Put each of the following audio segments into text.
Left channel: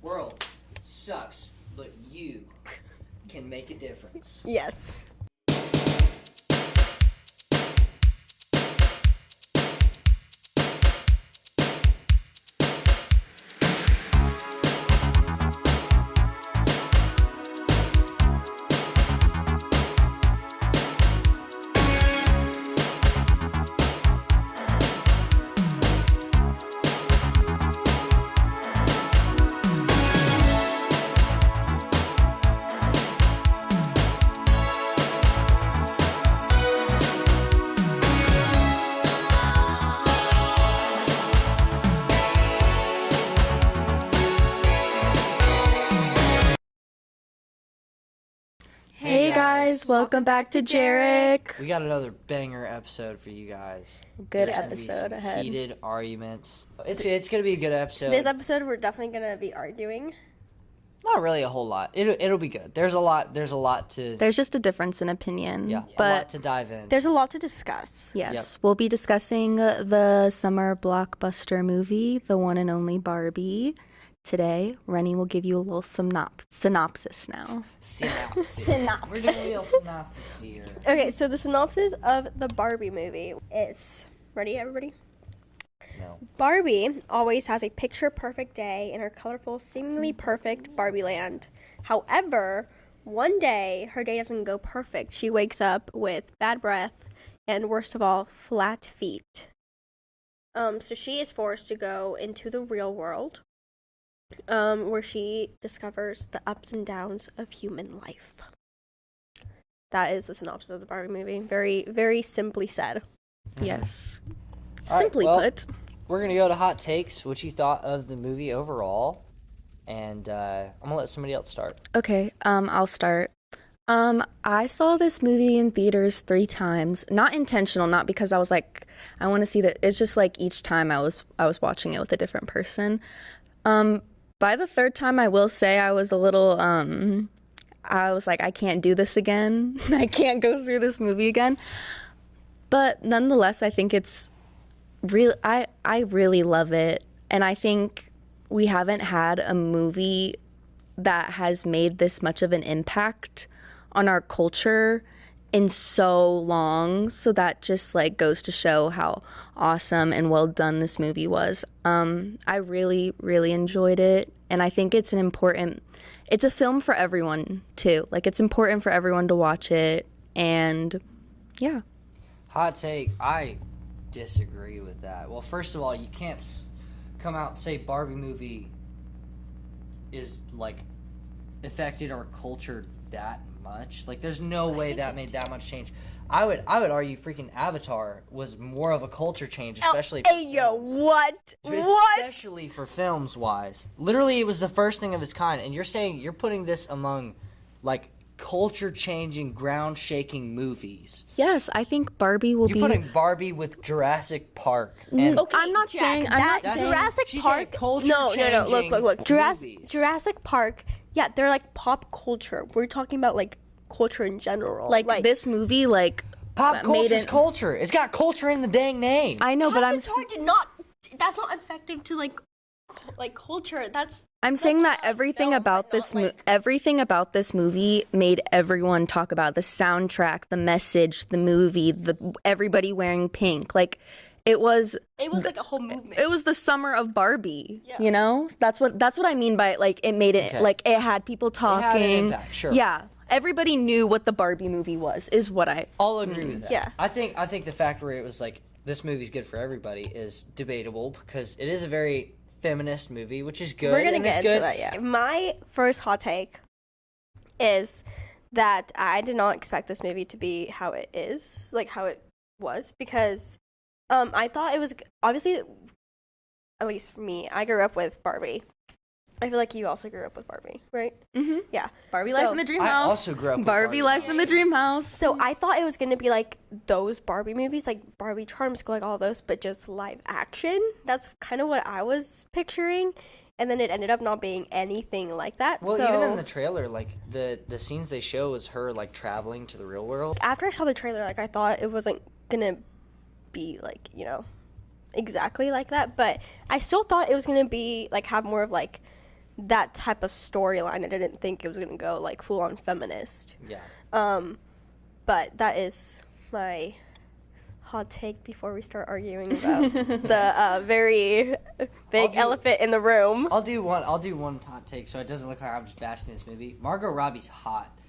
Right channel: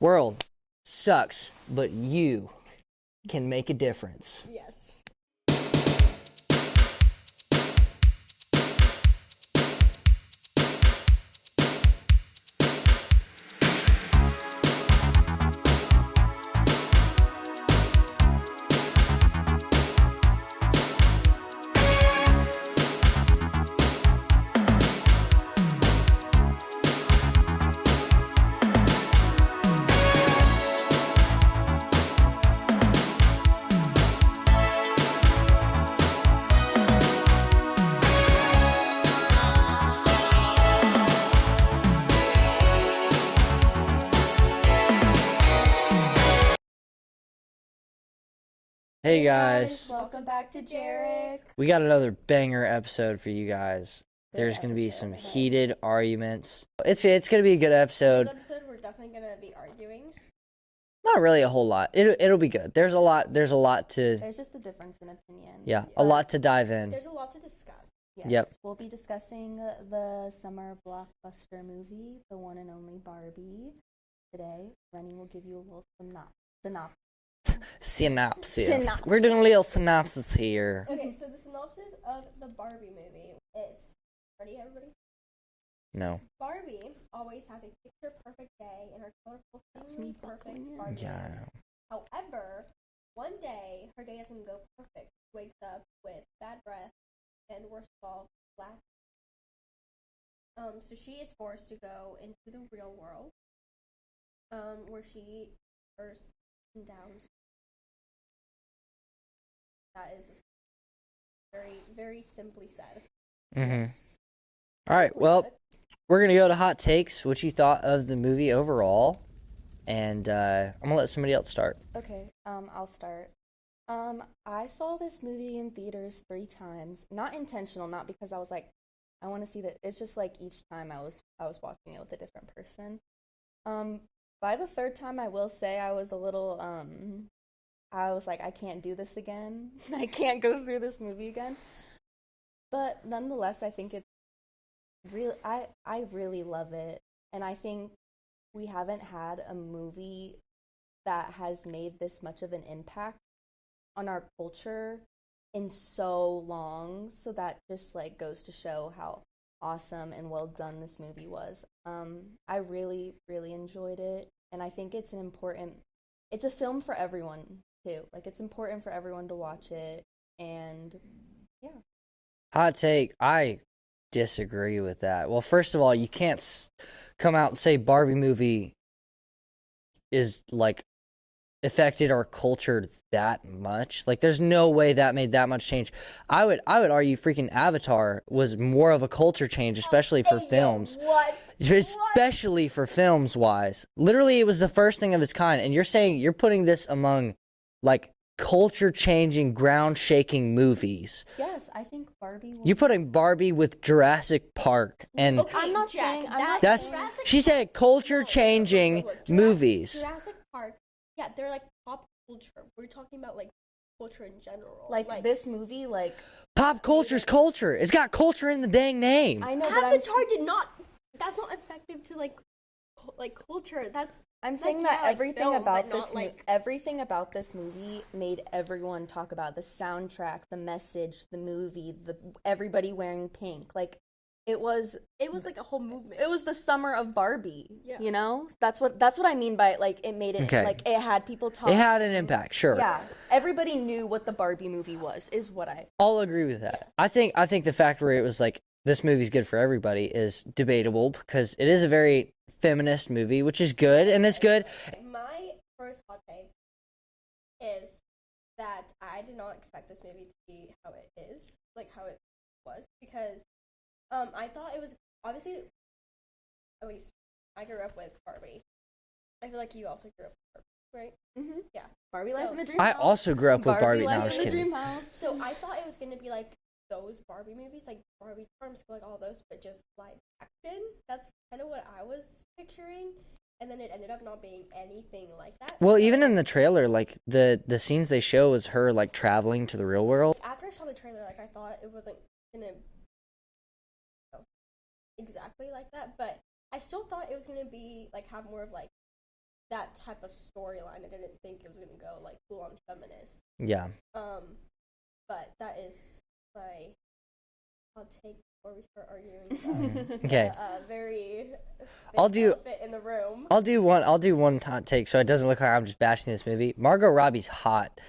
World sucks, but you can make a difference. Yes. Hey guys, welcome back to JEREC. we got another banger episode for you guys. Good There's gonna be episode some ahead. heated arguments. It's gonna be a good episode. This episode, we're definitely gonna be arguing. Not really a whole lot. It'll be good. There's a lot to There's just a difference in opinion. a but lot to dive in. There's a lot to discuss. Yes, Yep. we'll be discussing the summer blockbuster movie, the one and only Barbie. Today, Reni will give you a little synopsis now. Synopsis. We're doing a little synopsis here. Okay, so the synopsis of the Barbie movie is, ready everybody? No. Barbie always has a picture-perfect day in her colorful, seemingly perfect Barbie land. However, one day her day doesn't go perfect. She wakes up with bad breath and, worst of all, flat feet. So she is forced to go into the real world, where she discovers the ups and downs of human life. That is the synopsis of the Barbie movie. Very, very simply said. Yes. All right, Simply well, put. we're gonna go to hot takes. What you thought of the movie overall, and I'm gonna let somebody else start. Okay, I'll start. I saw this movie in theaters 3 times. Not intentional, not because I was like, I want to see that. It's just like each time I was watching it with a different person. By the 3rd time, I will say I was a little, I was like, I can't do this again. I can't go through this movie again. But nonetheless, I think it's real. I really love it. And I think we haven't had a movie that has made this much of an impact on our culture in so long. So that just like goes to show how awesome and well done this movie was. I really, really enjoyed it. And I think it's it's a film for everyone too. Like it's important for everyone to watch it. And yeah. Hot take. I disagree with that. Well, first of all, you can't come out and say Barbie movie is like affected our culture that much. Like there's no way that made that much change. I would argue freaking Avatar was more of a culture change, especially for films. What? Especially for films wise. Literally it was the first thing of its kind, and you're saying you're putting this among like culture changing, ground shaking movies. Yes, I think Barbie will You're be. putting Barbie with Jurassic Park and I'm not saying. I'm not That's- saying. Jurassic she Park. said culture-changing Look. movies. Jurassic Park. Yeah, they're like pop culture. We're talking about like culture in general. Like this movie, like Pop made culture's it- culture. It's got culture in the dang name. I know, but Avatar did not. That's not effective to like culture. I'm saying that everything about everything about this movie made everyone talk about the soundtrack, the message, the movie, everybody wearing pink. Like it was like a whole movement. it was the summer of Barbie. You know, that's what I mean by like it made it Okay. like it had people talking. It had an impact, sure. Yeah, everybody knew what the Barbie movie was. Is what I. I'll agree with that. Yeah. I think the fact where it was like this movie's good for everybody is debatable because it is a very feminist movie, which is good, and it's good. My first hot take is that I did not expect this movie to be how it is, like how it was, because I thought it was obviously, at least for me, I grew up with Barbie. I feel like you also grew up with Barbie, right? Mm-hmm. Yeah. Barbie So- Life in the Dream I House. also grew up with Barbie Life when I in was the a kid. Dream House. So I thought it was gonna be like those Barbie movies, like Barbie Charm School, like all those, but just live action. That's kind of what I was picturing, and then it ended up not being anything like that. Well, so even in the trailer, like the scenes they show is her like traveling to the real world. after I saw the trailer, like I thought it wasn't gonna be like exactly like that, but I still thought it was gonna be like have more of like that type of storyline. I didn't think it was gonna go like full on feminist. Yeah. But that is my hot take before we start arguing about the very big elephant in the room. I'll do one hot take so it doesn't look like I'm just bashing this movie. Margot Robbie's hot.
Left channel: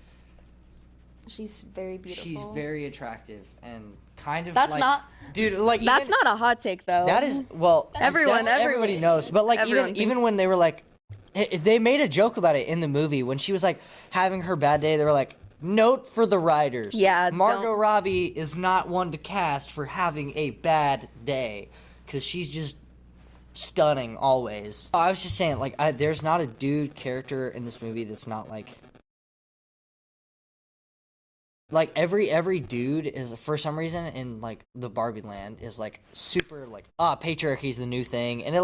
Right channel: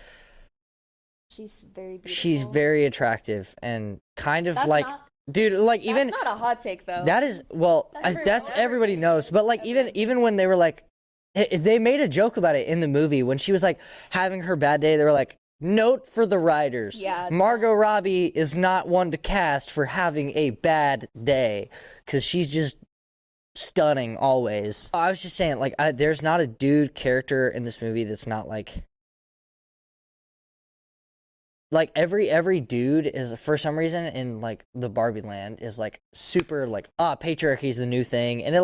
She's very beautiful. She's very attractive and kind of That's like not- dude, like That's even not a hot take though. that is well Everyone- everybody knows, but like even when they were like they made a joke about it in the movie when she was like having her bad day, they were like, note for the writers. Yeah, Margot Robbie is not one to cast for having a bad day because she's just stunning always. I was just saying, like, there's not a dude character in this movie that's not like every dude is for some reason in like the Barbie land is like super like patriarchy is the new thing, and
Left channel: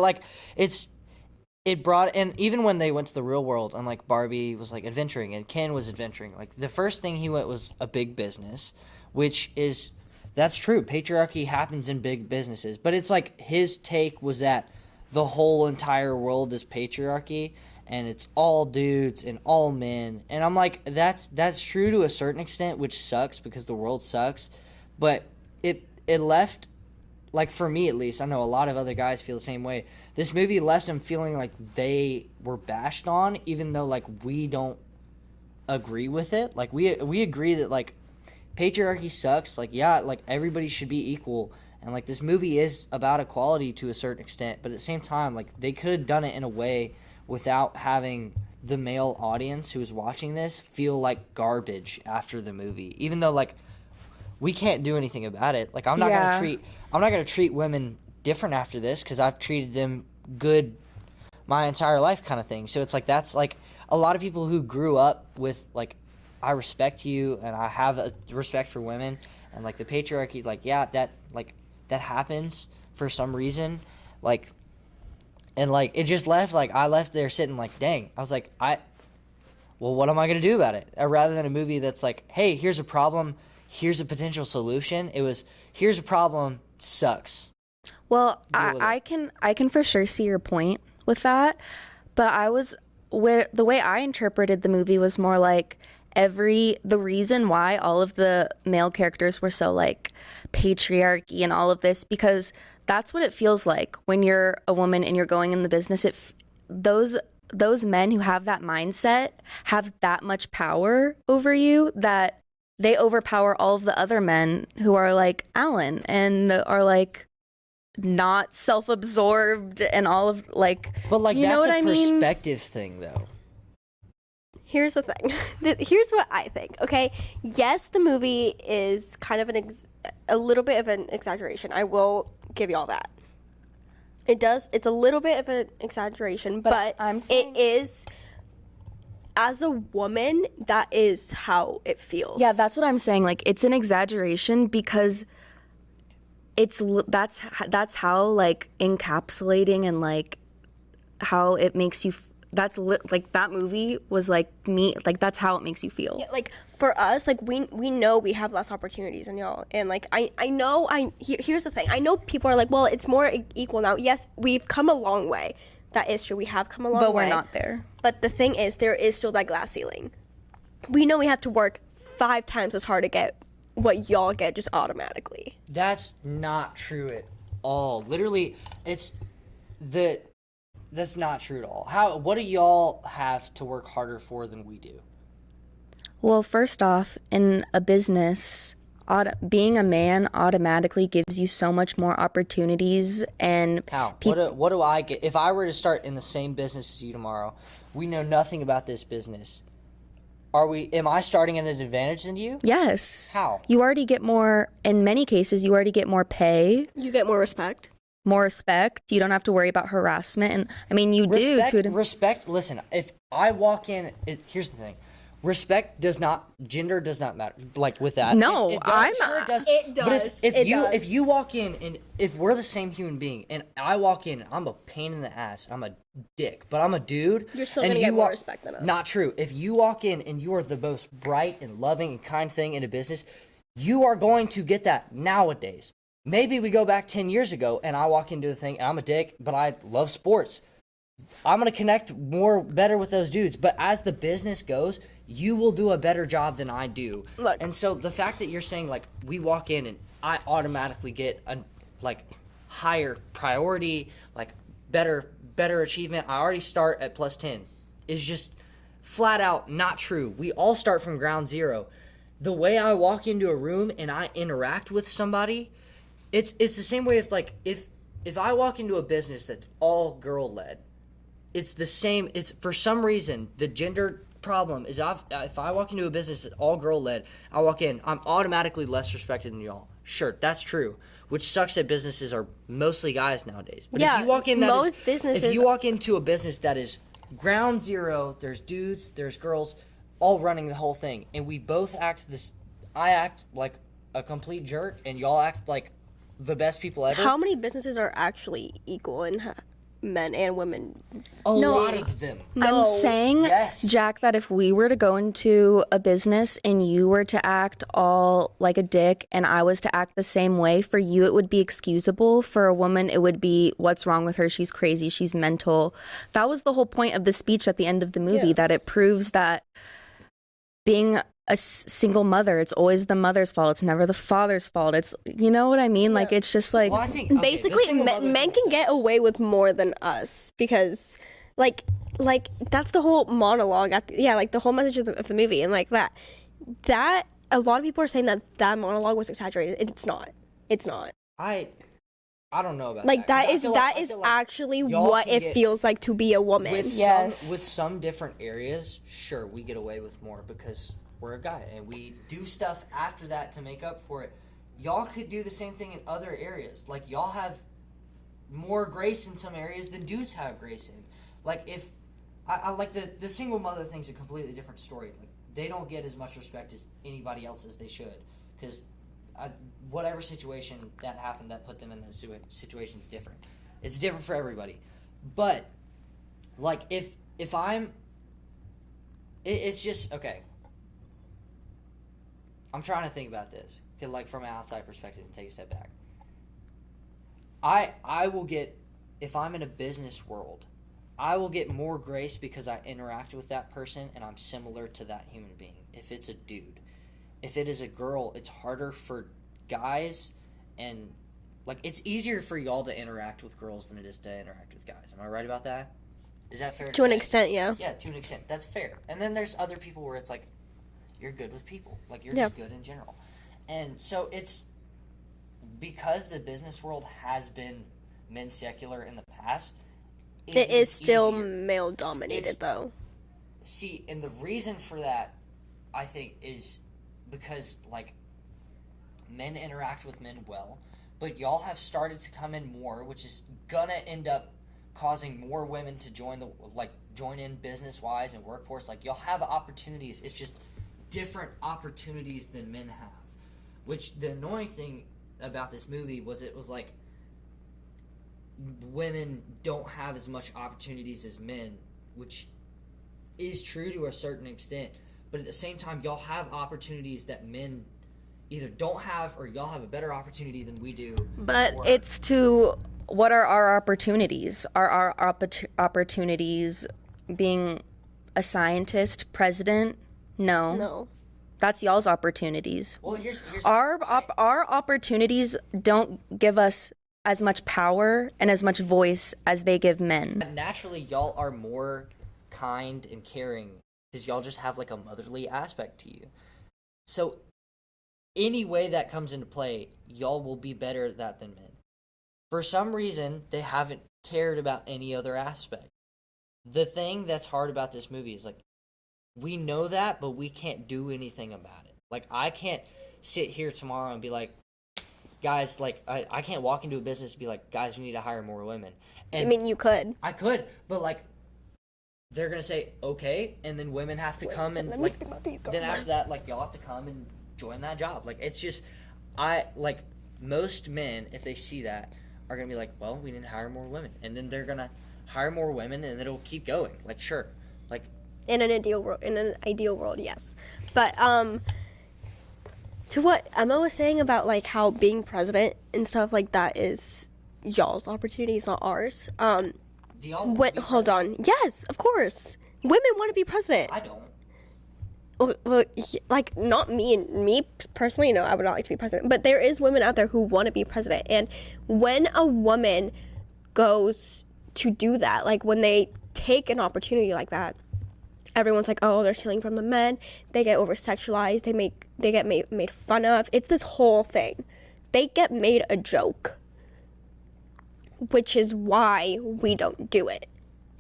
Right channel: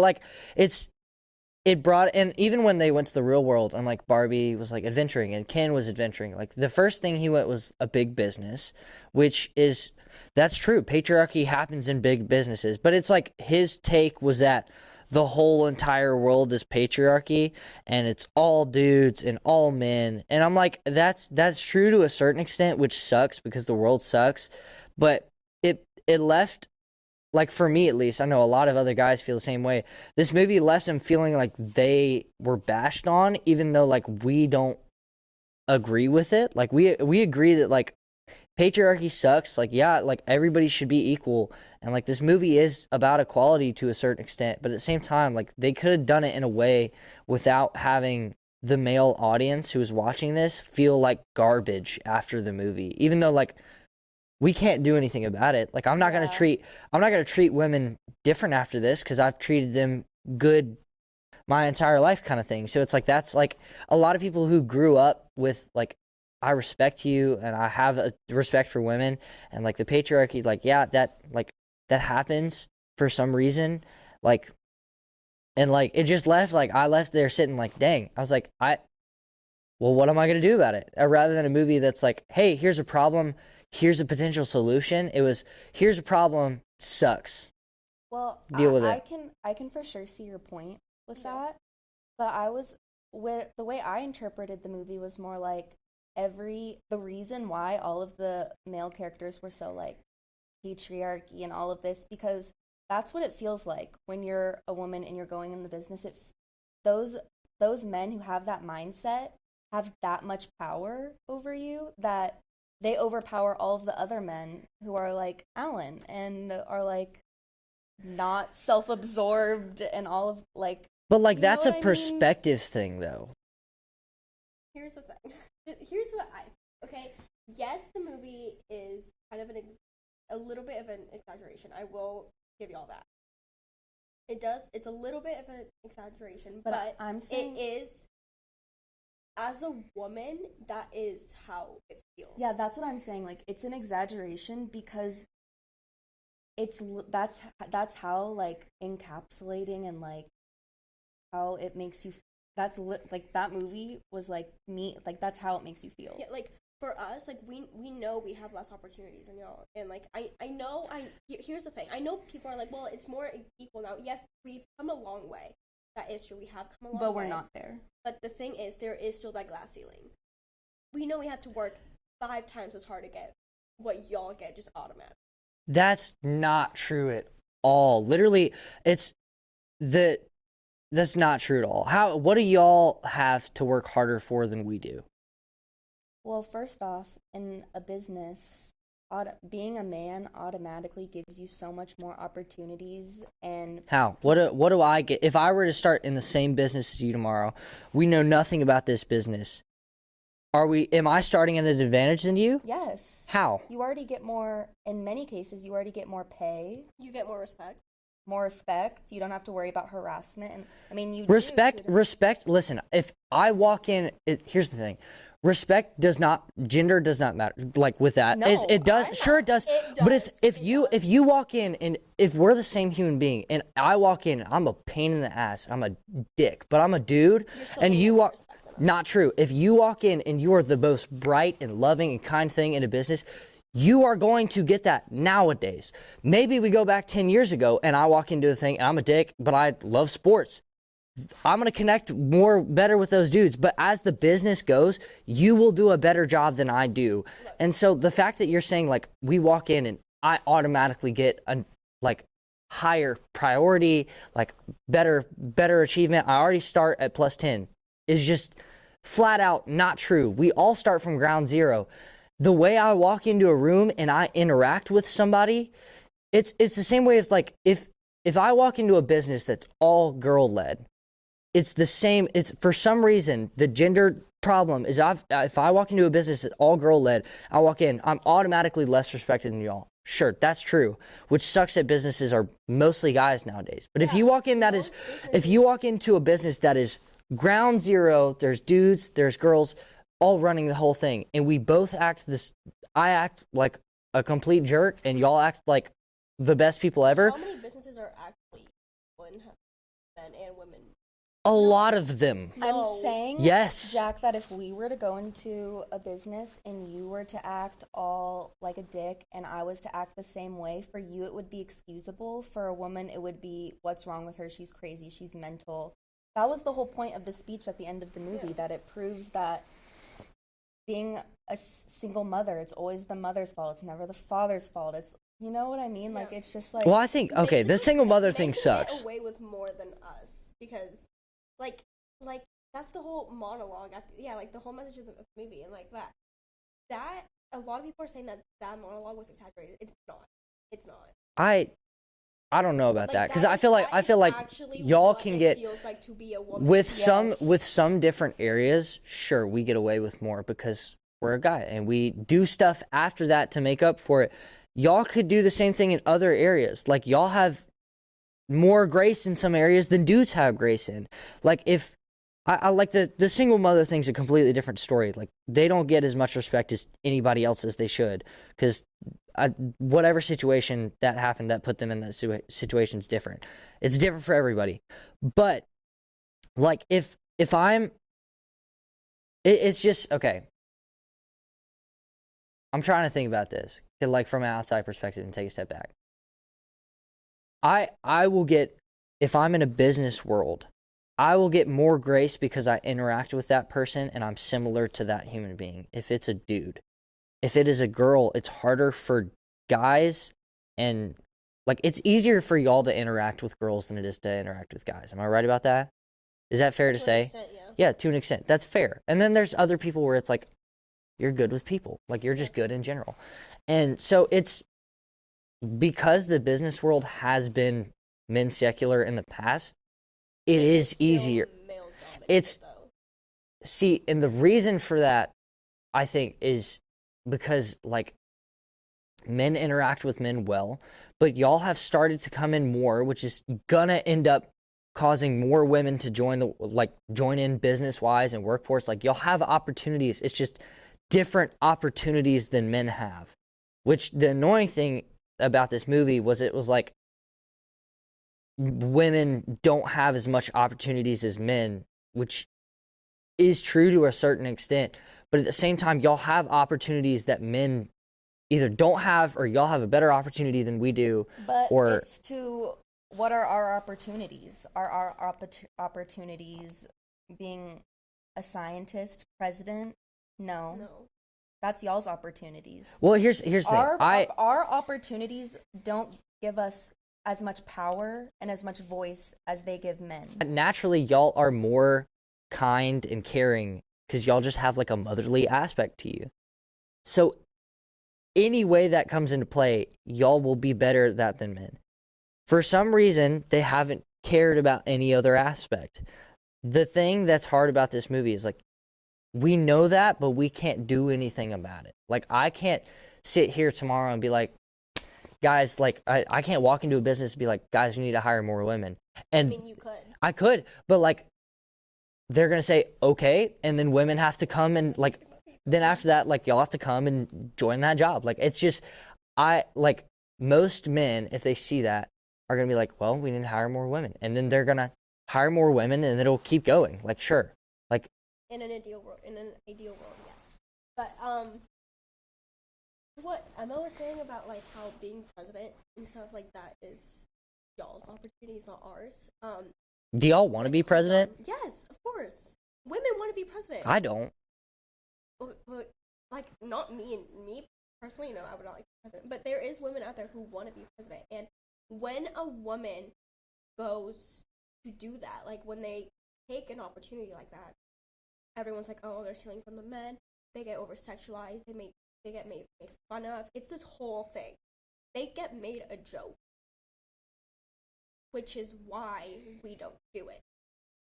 it brought, and even when they went to the real world and like Barbie was like adventuring and Ken was adventuring, like the first thing he went was a big business, which is, that's true. Patriarchy happens in big businesses, but it's like his take was that the whole entire world is patriarchy and it's all dudes and all men. And I'm like, that's true to a certain extent, which sucks because the world sucks. But it left, like for me at least, I know a lot of other guys feel the same way. This movie left them feeling like they were bashed on, even though like we don't agree with it. Like we agree that like patriarchy sucks. Like yeah, like everybody should be equal, and like this movie is about equality to a certain extent. But at the same time, like they could have done it in a way without having the male audience who is watching this feel like garbage after the movie, even though like we can't do anything about it. Like I'm not gonna treat women different after this because I've treated them good my entire life, kind of thing. So it's like that's like a lot of people who grew up with like, I respect you and I have a respect for women, and like the patriarchy, like yeah, that happens for some reason, like, and like it just left, like I left there sitting like, dang, I was like, well, what am I gonna do about it? Rather than a movie that's like, hey, here's a problem, here's a potential solution. It was, here's a problem, sucks. Well, Deal with I it. can for sure see your point with that, but the way I interpreted the movie was more like the reason why all of the male characters were so like patriarchy and all of this, because that's what it feels like when you're a woman and you're going in the business. Those men who have that mindset have that much power over you that they overpower all of the other men who are like Alan and are like not self-absorbed and all of like. But like you know that's what a I mean? perspective thing though. Here's the thing. Here's what I think, okay? Yes, the movie is kind of a little bit of an exaggeration. I will give you all that. It's a little bit of an exaggeration, but it is, as a woman, that is how it feels. Yeah, that's what I'm saying. Like, it's an exaggeration because that's how like encapsulating and like how it makes you. Like that movie was like me. Like that's how it makes you feel. Yeah, like for us, like we know we have less opportunities than y'all, and like I know here's the thing. I know people are like, well, it's more equal now. Yes, we've come a long way. That is true. We have come a long way. But we're not there. But the thing is, there is still that glass ceiling. We know we have to work 5 times as hard to get what y'all get just automatically. That's not true at all. Literally, that's not true at all. What do y'all have to work harder for than we do? Well, first off, in a business, being a man automatically gives you so much more opportunities. And how? What do I get if I were to start in the same business as you tomorrow? We know nothing about this business. Am I starting at an advantage than you? Yes. How? You already get more. In many cases, you already get more pay. You get more respect. More respect. You don't have to worry about harassment, and I mean you Respect. Listen, if I walk in, here's the thing: gender does not matter. Like with that, no, it does. Sure, it does. It does. But if you walk in and if we're the same human being, and I walk in, I'm a pain in the ass. I'm a dick, but I'm a dude. You're still and gonna you get more respect than us. Not true. If you walk in and you are the most bright and loving and kind thing in a business, you are going to get that nowadays. Maybe we go back 10 years ago and I walk into a thing and I'm a dick, but I love sports. I'm going to connect better with those dudes. But as the business goes, you will do a better job than I do. Look. And so the fact that you're saying, like, we walk in and I automatically get a, like, higher priority, like, better achievement, I already start at plus 10, is just flat out not true. We all start from ground zero. The way I walk into a room and I interact with somebody, it's the same way as, like, if I walk into a business that's all girl-led, it's the same. It's for some reason the gender problem is if I walk into a business that's all girl-led, I walk in, I'm automatically less respected than y'all. Sure, that's true. Which sucks that businesses are mostly guys nowadays. But if you walk in, if you walk into a business that is ground zero, there's dudes, there's girls, all running the whole thing, and we both act this. I act like a complete jerk, and y'all act like the best people ever. How many businesses are actually equal in men and women? A lot of them. I'm saying, yes, Jack, that if we were to go into a business and you were to act all like a dick and I was to act the same way, for you it would be excusable. For a woman, it would be, what's wrong with her? She's crazy. She's mental. That was the whole point of the speech at the end of the movie, that it proves that being a single mother, it's always the mother's fault. It's never the father's fault. It's, you know what I mean? Like, it's just like... Well, I think, okay, basically, the single mother thing men sucks. can get away with more than us because, like that's the whole monologue. Like the whole message of the movie, and like that a lot of people are saying that monologue was exaggerated. It's not. It's not. I don't know about Like that, because I feel like actually y'all what it feels like to be a woman. with some different areas. Sure, we get away with more because we're a guy and we do stuff after that to make up for it. Y'all could do the same thing in other areas. Like, y'all have more grace in some areas than dudes have grace in. Like, if I like the single mother thing's a completely different story. Like, they don't get as much respect as anybody else as they should, because whatever situation that happened that put them in that situation is different. It's different for everybody. But, like, if I'm... It's just... Okay. I'm trying to think about this, like, from an outside perspective, and take a step back. I will get... If I'm in a business world, I will get more grace because I interact with that person and I'm similar to that human being, if it's a dude. If it is a girl, it's harder for guys, and, like, it's easier for y'all to interact with girls than it is to interact with guys. Am I right about that? Is that fair to say? To an extent, yeah. Yeah, to an extent. That's fair. And then there's other people where it's like, you're good with people. Like, you're just good in general. And so it's because the business world has been men secular in the past, it is still easier. Male dominated, though. See, and the reason for that, I think, is because, like, men interact with men well, but y'all have started to come in more, which is gonna end up causing more women to join in business-wise and workforce. Like, y'all have opportunities. It's just different opportunities than men have. Which, the annoying thing about this movie was, it was like women don't have as much opportunities as men, which is true to a certain extent. But at the same time, y'all have opportunities that men either don't have, or y'all have a better opportunity than we do. But it's to, what are our opportunities? Are our opportunities being a scientist, president? No. That's y'all's opportunities. Well, here's the thing. Our opportunities don't give us as much power and as much voice as they give men. Naturally, y'all are more kind and caring because y'all just have, like, a motherly aspect to you. So any way that comes into play, y'all will be better at that than men. For some reason, they haven't cared about any other aspect. The thing that's hard about this movie is, like, we know that, but we can't do anything about it. Like, I can't sit here tomorrow and be like, guys, like, I can't walk into a business and be like, guys, we need to hire more women. And I mean, you could. I could, but, like, they're going to say, okay, and then women have to come and, like, then after that, like, y'all have to come and join that job. Like, it's just, like, most men, if they see that, are going to be like, well, we need to hire more women. And then they're going to hire more women, and it'll keep going. Like, sure. Like, in an ideal world, yes. But to what Emma was saying about, like, how being president and stuff like that is y'all's opportunities, not ours. Do y'all want to be president? Hold on. Yes, of course. Women want to be president. I don't. Well, like, not me personally, no, I would not like to be president. But there is women out there who want to be president. And when a woman goes to do that, like when they take an opportunity like that, everyone's like, oh, they're stealing from the men. They get over-sexualized. They get made fun of. It's this whole thing. They get made a joke, which is why we don't do it,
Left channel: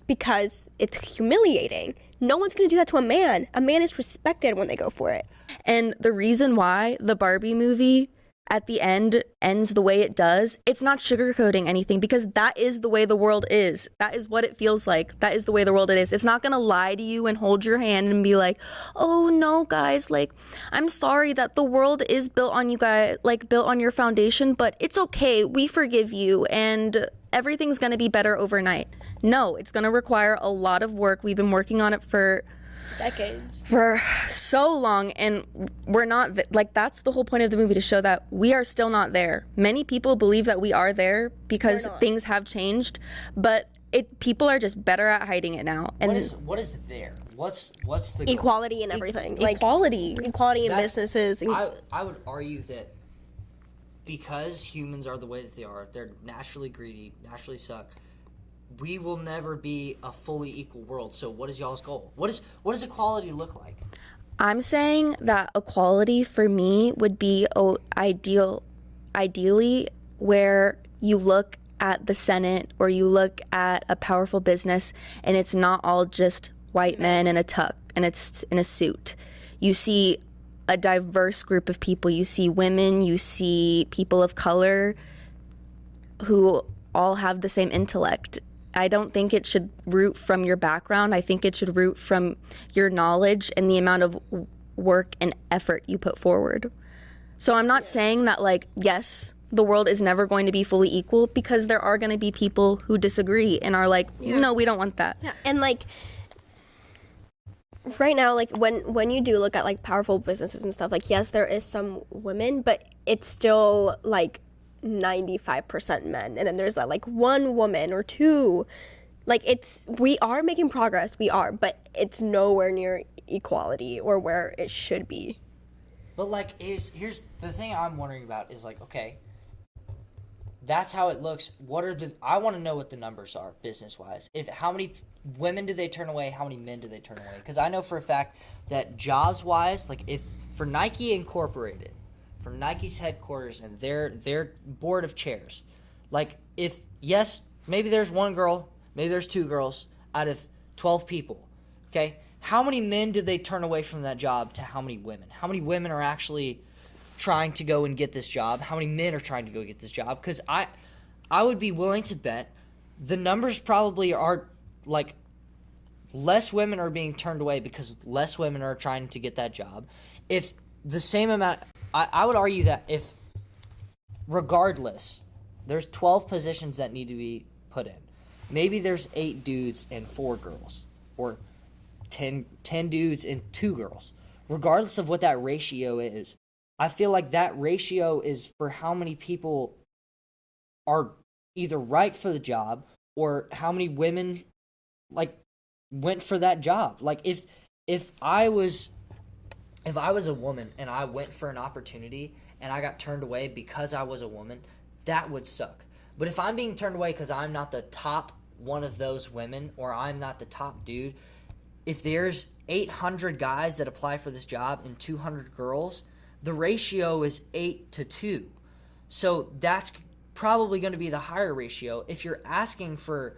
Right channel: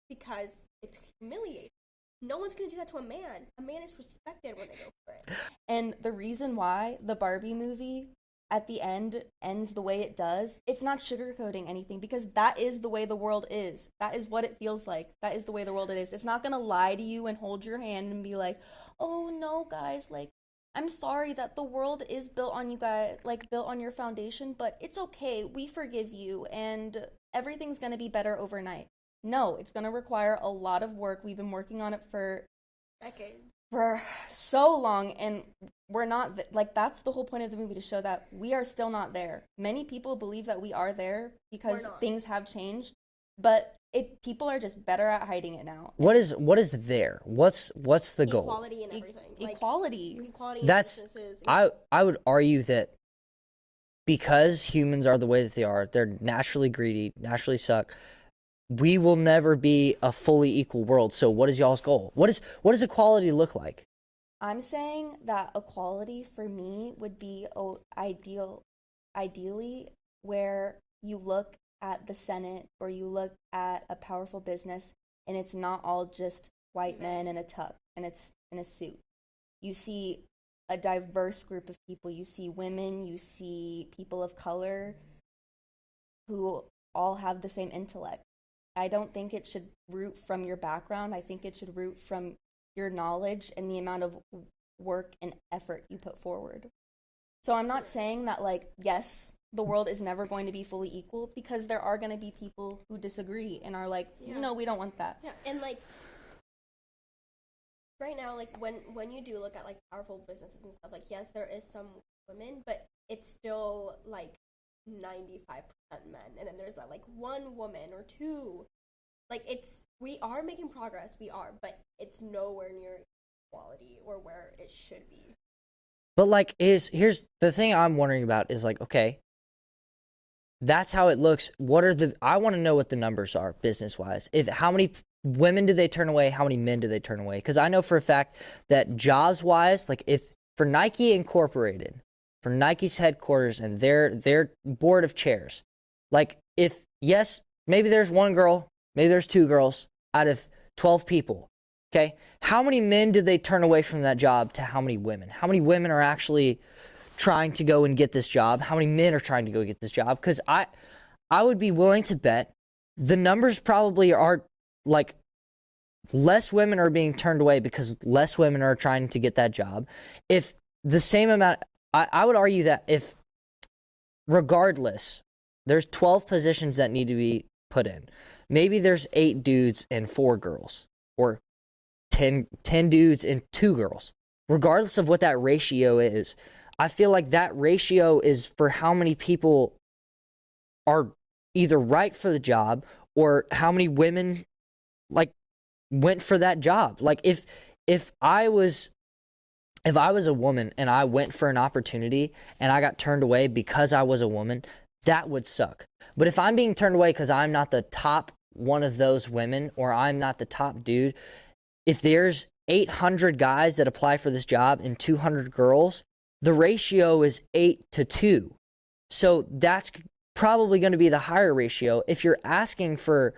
because it's humiliating. No one's going to do that to a man. A man is respected when they go for it. And the reason why the Barbie movie at the end ends the way it does, it's not sugarcoating anything, because that is the way the world is. That is what it feels like. That is the way the world it is. It's not going to lie to you and hold your hand and be like, oh no, guys, like, I'm sorry that the world is built on you guys, like built on your foundation, but it's okay. We forgive you and everything's going to be better overnight. No, it's going to require a lot of work. We've been working on it for decades, for so long, and we're not like, that's the whole point of the movie, to show that we are still not there. Many people believe that we are there because things have changed, but people are just better at hiding it now. What is there? What's the goal? Equality and everything. Equality. Like, equality in businesses. I would argue that because humans are the way that they are, they're naturally greedy, naturally suck, we will never be a fully equal world. So what is y'all's goal? What does equality look like? I'm saying that equality for me would be ideally where you look at the Senate or you look at a powerful business and it's not all just white men in a tuck and it's in a suit. You see a diverse group of people. You see women, you see people of color who all have the same intellect. I don't think it should root from your background. I think it should root from your knowledge and the amount of work and effort you put forward. So I'm not saying that, like, yes, the world is never going to be fully equal, because there are going to be people who disagree and are like, no, we don't want that. Yeah, and like right now, like when you do look at like powerful businesses and stuff, like, yes, there is some women, but it's still like 95% men, and then there's that like one woman or two. Like, we are making progress, but it's nowhere near equality or where it should be. But like, here's the thing I'm wondering about is, like, okay, that's how it looks. I want to know what the numbers are business wise. How many women do they turn away? How many men do they turn away? Because I know for a fact that jobs wise, like, if for Nike Incorporated, for Nike's headquarters and their board of chairs, like, yes, maybe there's one girl, maybe there's two girls out of 12 people, okay? How many men did they turn away from that job to how many women? How many women are actually trying to go and get this job? How many men are trying to go get this job? Because I would be willing to bet the numbers probably are, like, less women are being turned away because less women are trying to get that job. If the same amount... I would argue that if, regardless, there's 12 positions that need to be put in. Maybe there's 8 dudes and 4 girls, or 10 dudes and 2 girls. Regardless of what that ratio is, I feel like that ratio is for how many people are either right for the job or how many women, like, went for that job. Like, if I was a woman and I went for an opportunity and I got turned away because I was a woman, that would suck. But if I'm being turned away because I'm not the top one of those women, or I'm not the top dude, if there's 800 guys that apply for this job and 200 girls, the ratio is 8-2. So that's probably going to be the higher ratio. If you're asking for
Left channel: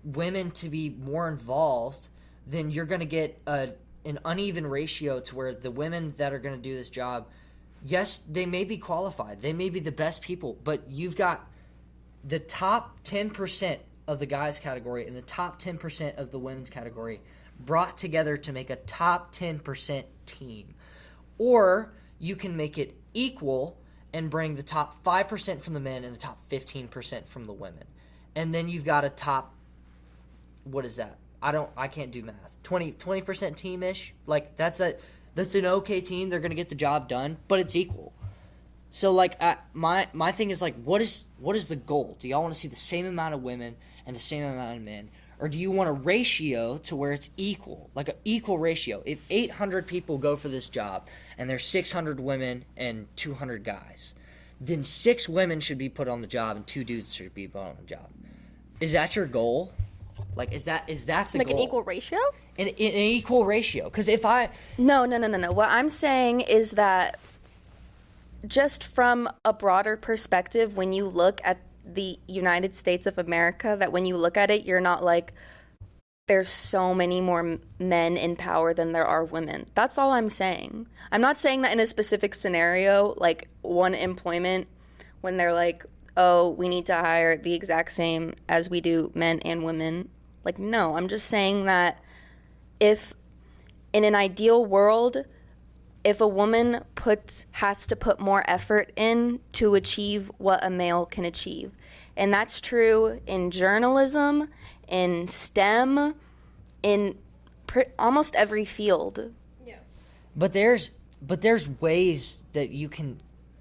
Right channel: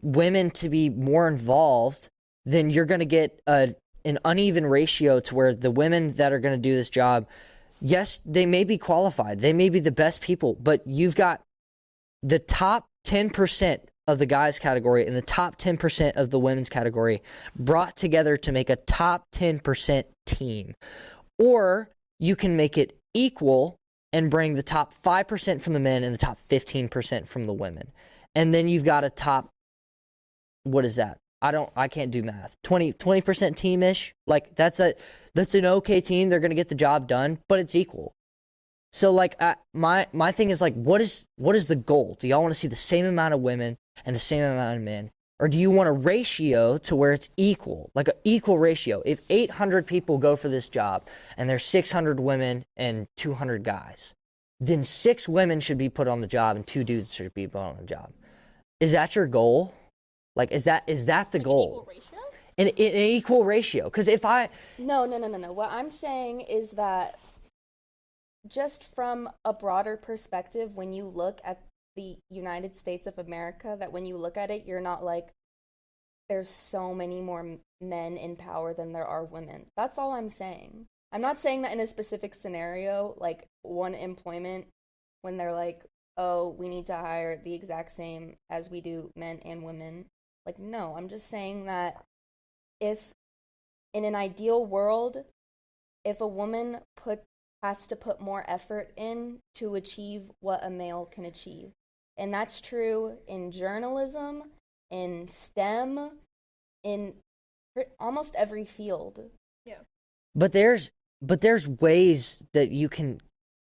women to be more involved, then you're going to get an uneven ratio to where the women that are going to do this job, yes, they may be qualified, they may be the best people, but you've got the top 10% of the guys category and the top 10% of the women's category brought together to make a top 10% team. Or you can make it equal and bring the top 5% from the men and the top 15% from the women. And then you've got a top, what is that? I can't do math. 20% team-ish. Like, that's an okay team. They're going to get the job done, but it's equal. So, like, my thing is, like, what is the goal? Do y'all want to see the same amount of women and the same amount of men? Or do you want a ratio to where it's equal, like an equal ratio? If 800 people go for this job and there's 600 women and 200 guys, then 6 women should be put on the job and 2 dudes should be put on the job. Is that your goal? Like, is that the like goal? An equal ratio? An equal ratio. Because if I... No. What I'm saying is that just from a broader perspective, when you look at the United States of America, that when you look at it, you're not like, there's so many more men in power than there are women. That's all I'm saying. I'm not saying that in a specific scenario, like one employment, when they're like, oh, we need to hire the exact same as we do men and women. Like, no, I'm just saying that if in an ideal world, if a woman has to put more effort in to achieve what a male can achieve. And that's true in journalism, in STEM, in almost every field. Yeah. But there's ways that you can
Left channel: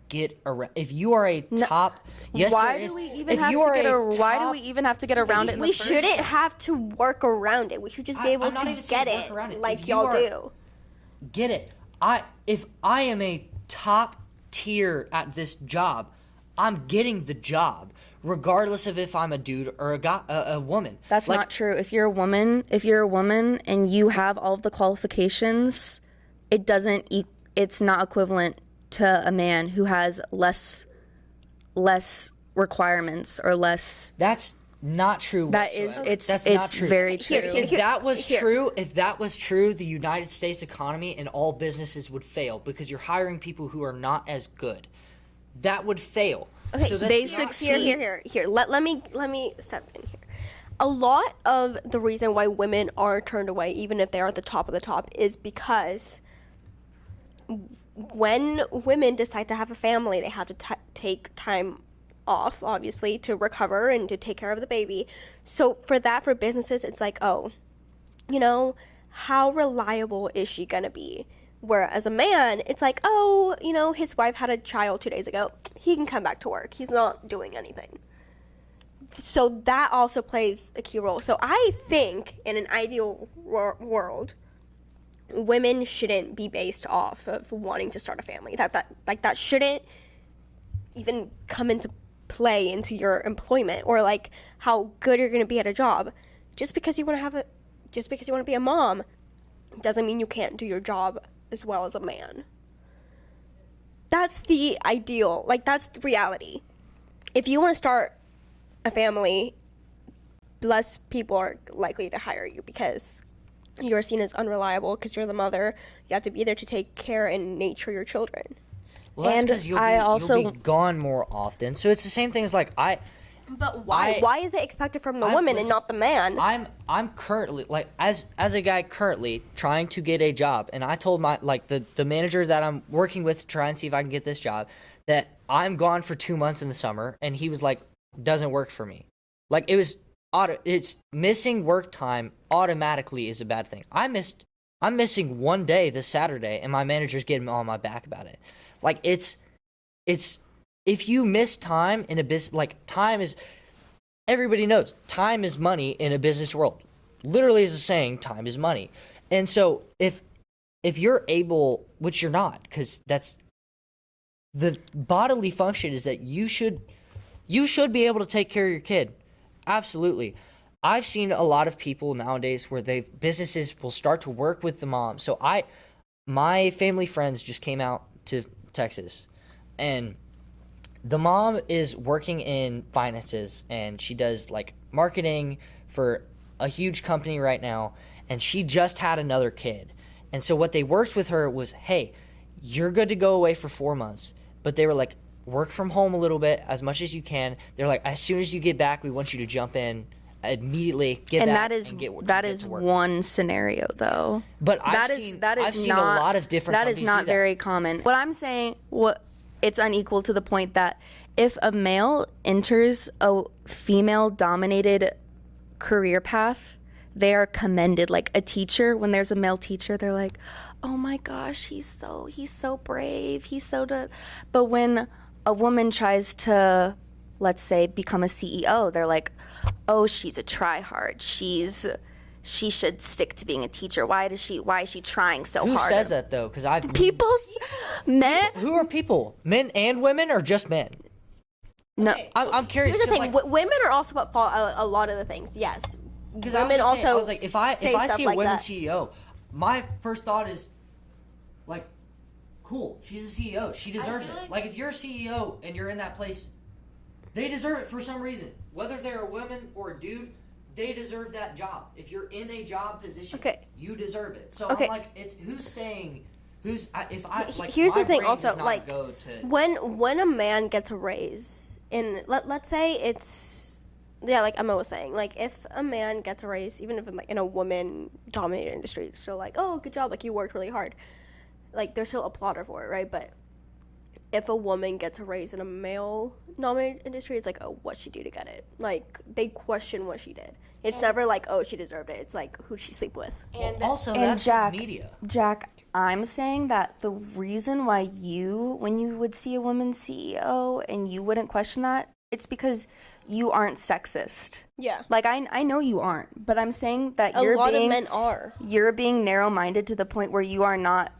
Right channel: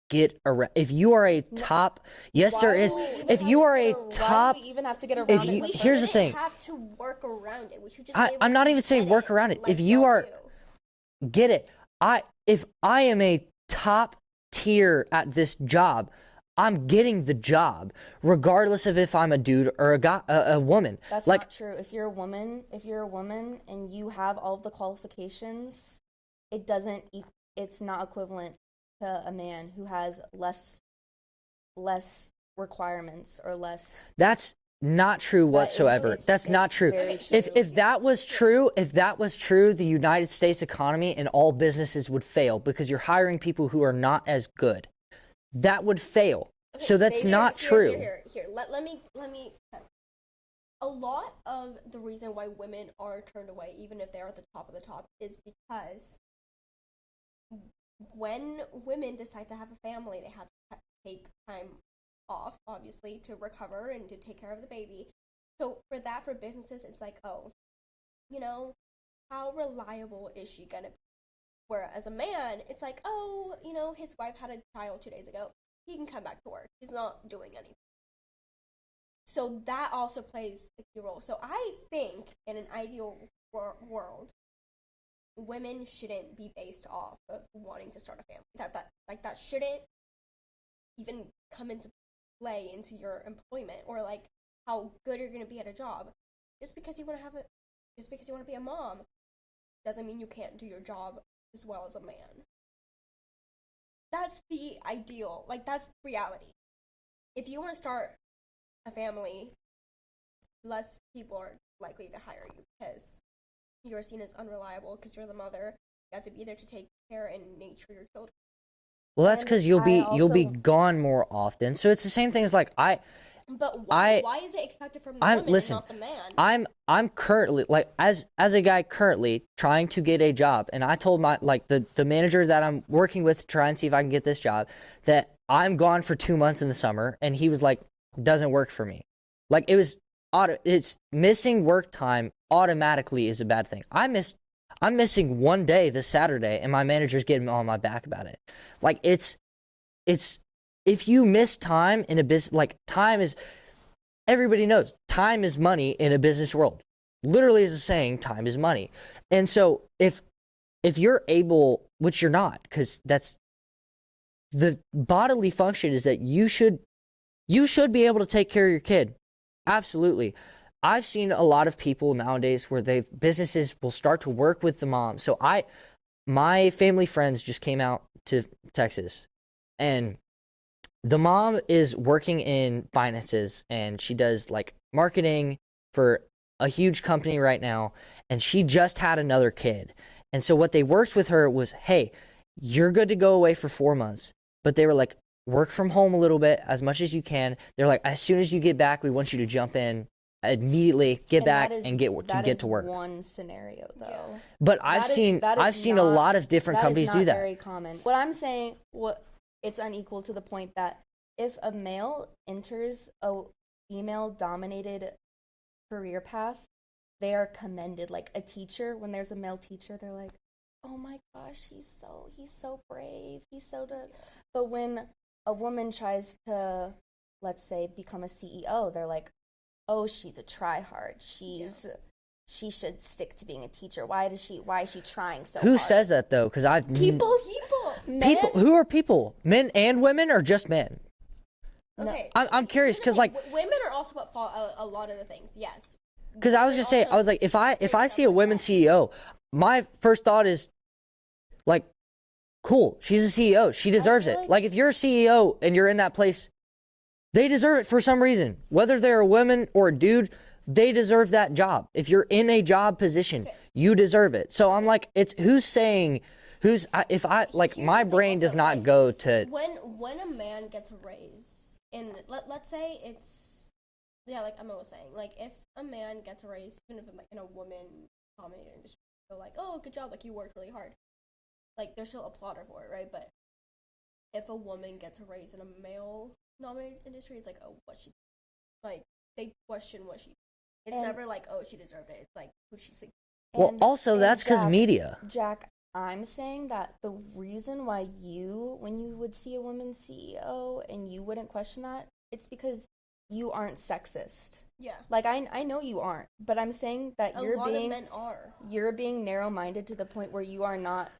get around. If you are a top, yes, there is. If you are a top, why do we even have to get around it? We shouldn't have to work around it. We should just be able to I'm not even saying work around it. Like If you are, get it. If I am a top tier at this job, I'm getting the job, regardless of if I'm a dude or a woman. That's not true. If you're a woman and you have all of the qualifications, it's not equivalent to a man who has less requirements or less. That's not true whatsoever. That's not true. Very true. If that was true, the United States economy and all businesses would fail because you're hiring people who are not as good. That would fail. Okay, so that's not true. Here. Let me step in here. A lot of the reason why women are turned away, even if they are at the top of the top, is because when women decide to have a family, they have to take time off, obviously, to recover and to take care of the baby. So for businesses, it's like, oh, how reliable is she gonna be? Whereas a man, it's like, oh, his wife had a child 2 days ago. He can come back to work. He's not doing anything. So that also plays a key role. So I think in an ideal world, women shouldn't be based off of wanting to start a family. That shouldn't even come into play into your employment or like how good you're going to be at a job. Just because you want to be a mom doesn't mean you can't do your job as well as a man. That's the ideal. Like, that's the reality. If you want to start a family, less people are likely to hire you because you're seen as unreliable because you're the mother. You have to be there to take care and nurture your children. Well, that's because you'll be gone more often. So it's the same thing as like But why? Why is it expected from the woman and not the man? I'm currently as a guy currently trying to get a job, and I told the manager that I'm working with to try and see if I can get this job that I'm gone for 2 months in the summer, and he was like, doesn't work for me. Like it's missing work time automatically is a bad thing. I'm missing 1 day this Saturday, and my manager's getting on my back about it. Like it's if you miss time in a business, like everybody knows time is money in a business world. Literally is a saying, time is money. And so if you're able, which you're not, because that's the bodily function is that you should be able to take care of your kid. Absolutely. I've seen a lot of people nowadays where businesses will start to work with the mom. So my family friends just came out to Texas, and the mom is working in finances, and she does like marketing for a huge company right now, and she just had another kid. And so what they worked with her was, hey, you're good to go away for 4 months. But they were like, work from home a little bit as much as you can. They're like, as soon as you get back, we want you to jump in immediately, get back and get to work. That is one scenario, though. But I've seen a lot of different companies do that. That is not very common. What I'm saying, it's unequal to the point that if a male enters a female-dominated career path, they are commended. Like a teacher, when there's a male teacher, they're like, oh my gosh, he's so brave, he's so good. But when a woman tries to, let's say, become a CEO, they're like, oh, she's a tryhard. She should stick to being a teacher. Why is she trying so hard? Who says that though? Because I've Men. Who are people? Men and women, or just men? No, Okay. I'm curious Here's the because thing, women are also at fault a lot of the things. Yes. because I was just saying, I was like, if I see a women CEO, my first thought is, like, cool, she's a CEO, she deserves it. Like, if you're a CEO and you're in that place, they deserve it for some reason. Whether they're a woman or a dude, they deserve that job. If you're in a job position, you deserve it. So I'm like, it's here's my the thing brain also, does not like, go to when a man gets a raise in let's say it's like Emma was saying, like if a man gets a raise, even if in a woman dominated industry, it's still like, oh, good job, like you worked really hard, like they're still applauded for it, right? But if a woman gets a raise in a male dominated industry, it's like, oh, what'd she do to get it? Like they question what she did. It's never like, oh, she deserved it. It's like, who'd she sleep with? well, also that's because media. Jack, I'm saying that the reason why when you would see a woman CEO and you wouldn't question that, it's because you aren't sexist. Yeah. Like, I know you aren't, but I'm saying that A lot of men are. You're being narrow-minded to the point where you're not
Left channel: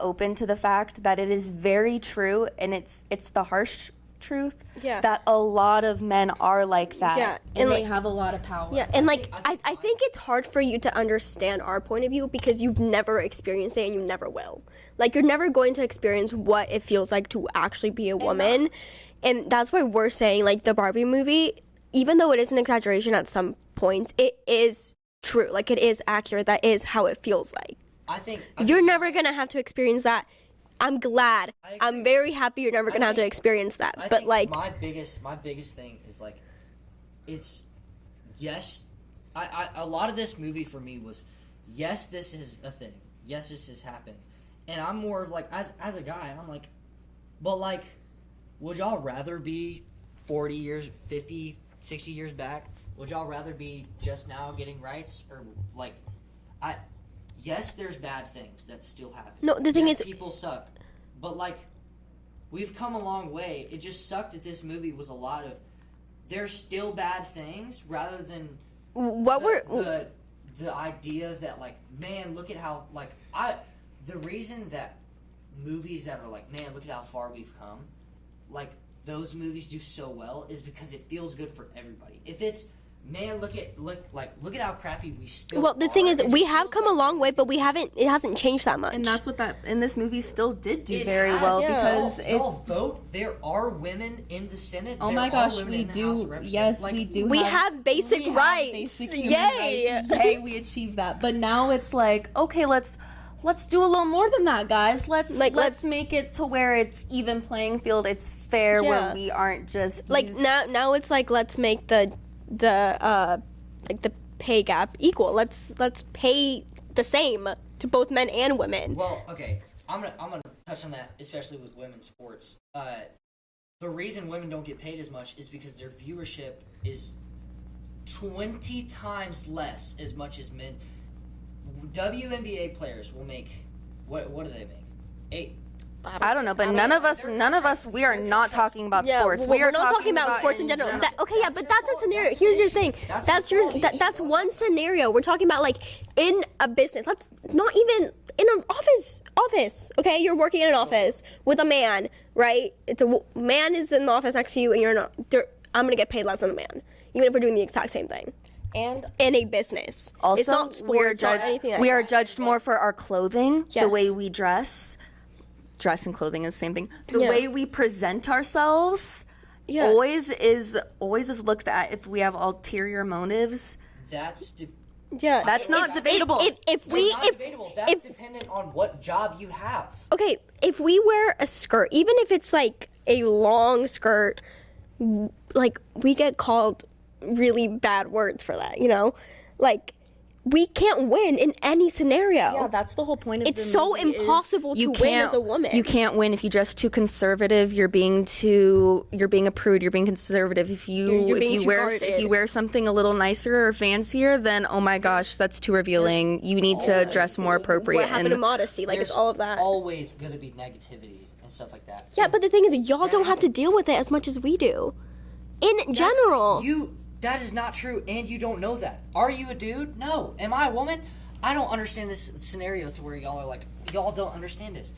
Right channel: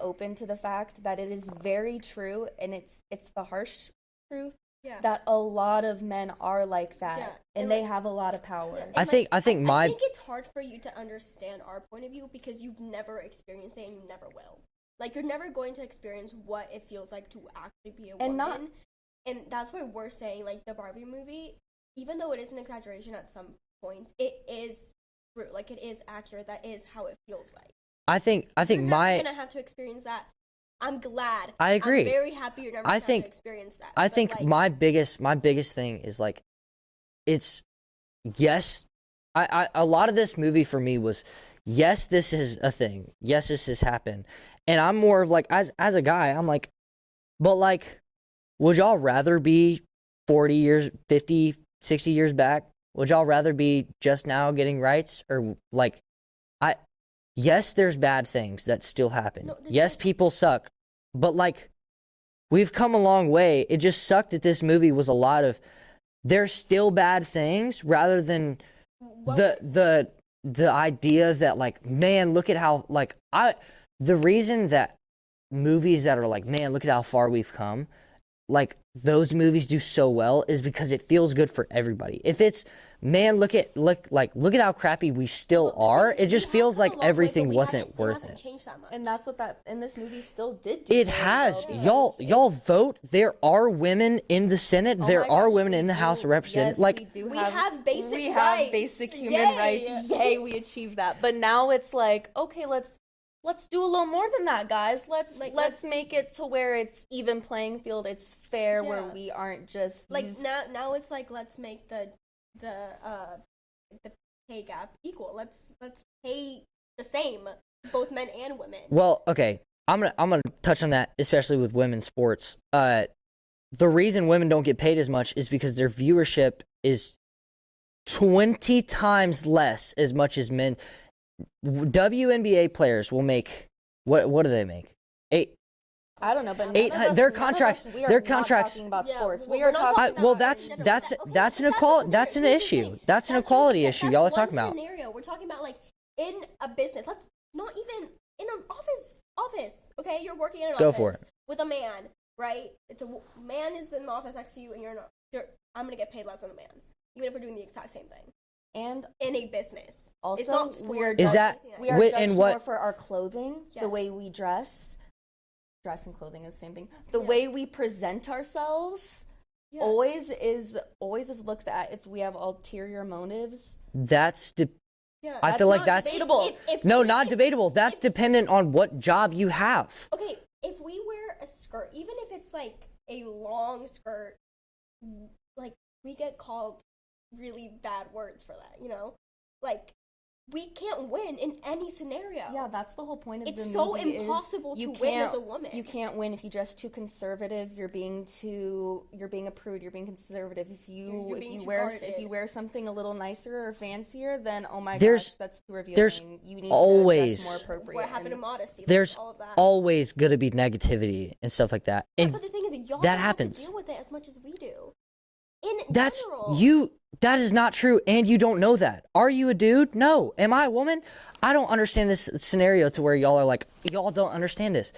open to the fact that it is very true, and it's the harsh truth that a lot of men are like that, and they have a lot of power. Yeah, and I think it's hard for you to understand our point of view because you've never experienced it and you never will. Like you're never going to experience what it feels like to actually be a woman, and that's why we're saying like the Barbie movie, even though it is an exaggeration at some points, it is true. Like it is accurate. That is how it feels like. I think you're never gonna have to experience that. I'm glad. I agree. I'm very happy you're never gonna have to experience that. I think like, my biggest thing is like, it's yes. A lot of this movie for me was, yes, this is a thing. Yes, this has happened, and I'm more of like as a guy, I'm like, but like, would y'all rather be 40 years, 50, 60 years back? Would y'all rather be just now getting rights, or like, yes, there's bad things that still happen. No, the thing yes, is, people suck. But, like, we've come a long way. It just sucked that this movie was a lot of, there's still bad things, rather than the idea that, like, man, look at how, like, the reason that movies that are like, man, look at how far we've come, like, those movies do so well is because it feels good for everybody. If it's, man, look at how crappy we still the are. thing is, it just feels like everything it hasn't changed that much. And that's what and this movie still did do it very has. well. Y'all vote. There are women in the Senate. There are women in the House of Representatives. Yes, like we have basic rights. Basic human rights. Yay, we achieved that. But now it's like, okay, let's do a little more than that, guys. Let's make it to where it's even playing field. It's fair, where we aren't just like now it's like, let's make the pay gap equal. Let's pay the same to both men and women. Well, okay, I'm gonna touch on that, especially with women's sports. The reason women don't get paid as much is because their viewership is 20 times less as much as men. WNBA players will make what do they make? I don't know, but none of us, we are not talking about sports. We are not talking about sports in general. That's an issue. That's an equality issue. Y'all are talking about. That's one scenario. We're talking about like in a business. Let's not even in an office. Okay, you're working in an office with a man, right? It's a man is in the office next to you, and you're not. I'm gonna get paid less than a man, even if we're doing the exact same thing. And in a business, also, it's not sports or anything. We are judged more for our clothing, yes. the way we dress. Dress and clothing is the same thing. The way we present ourselves always is looked at if we have ulterior motives. That's I feel like that's debatable. Not debatable. That's dependent on what job you have. Okay, if we wear a skirt, even if it's like a long skirt, like we get called really bad words for that, you know? Like, we can't win in any scenario. Yeah, that's the whole point of it's so impossible to win as a woman. You can't win if you dress too conservative. You're being a prude. You're being conservative. If you wear something a little nicer or fancier, then oh my gosh, that's too revealing. You need to dress more appropriate. What happened to modesty? Like, there's all of that. Always gonna be negativity and stuff like that. Yeah, but the thing is, y'all don't have to deal with it as much as we do. in general. That is not true, and you don't know that. Are you a dude? No. Am I a woman? I don't understand this scenario to where y'all are like, y'all don't understand this.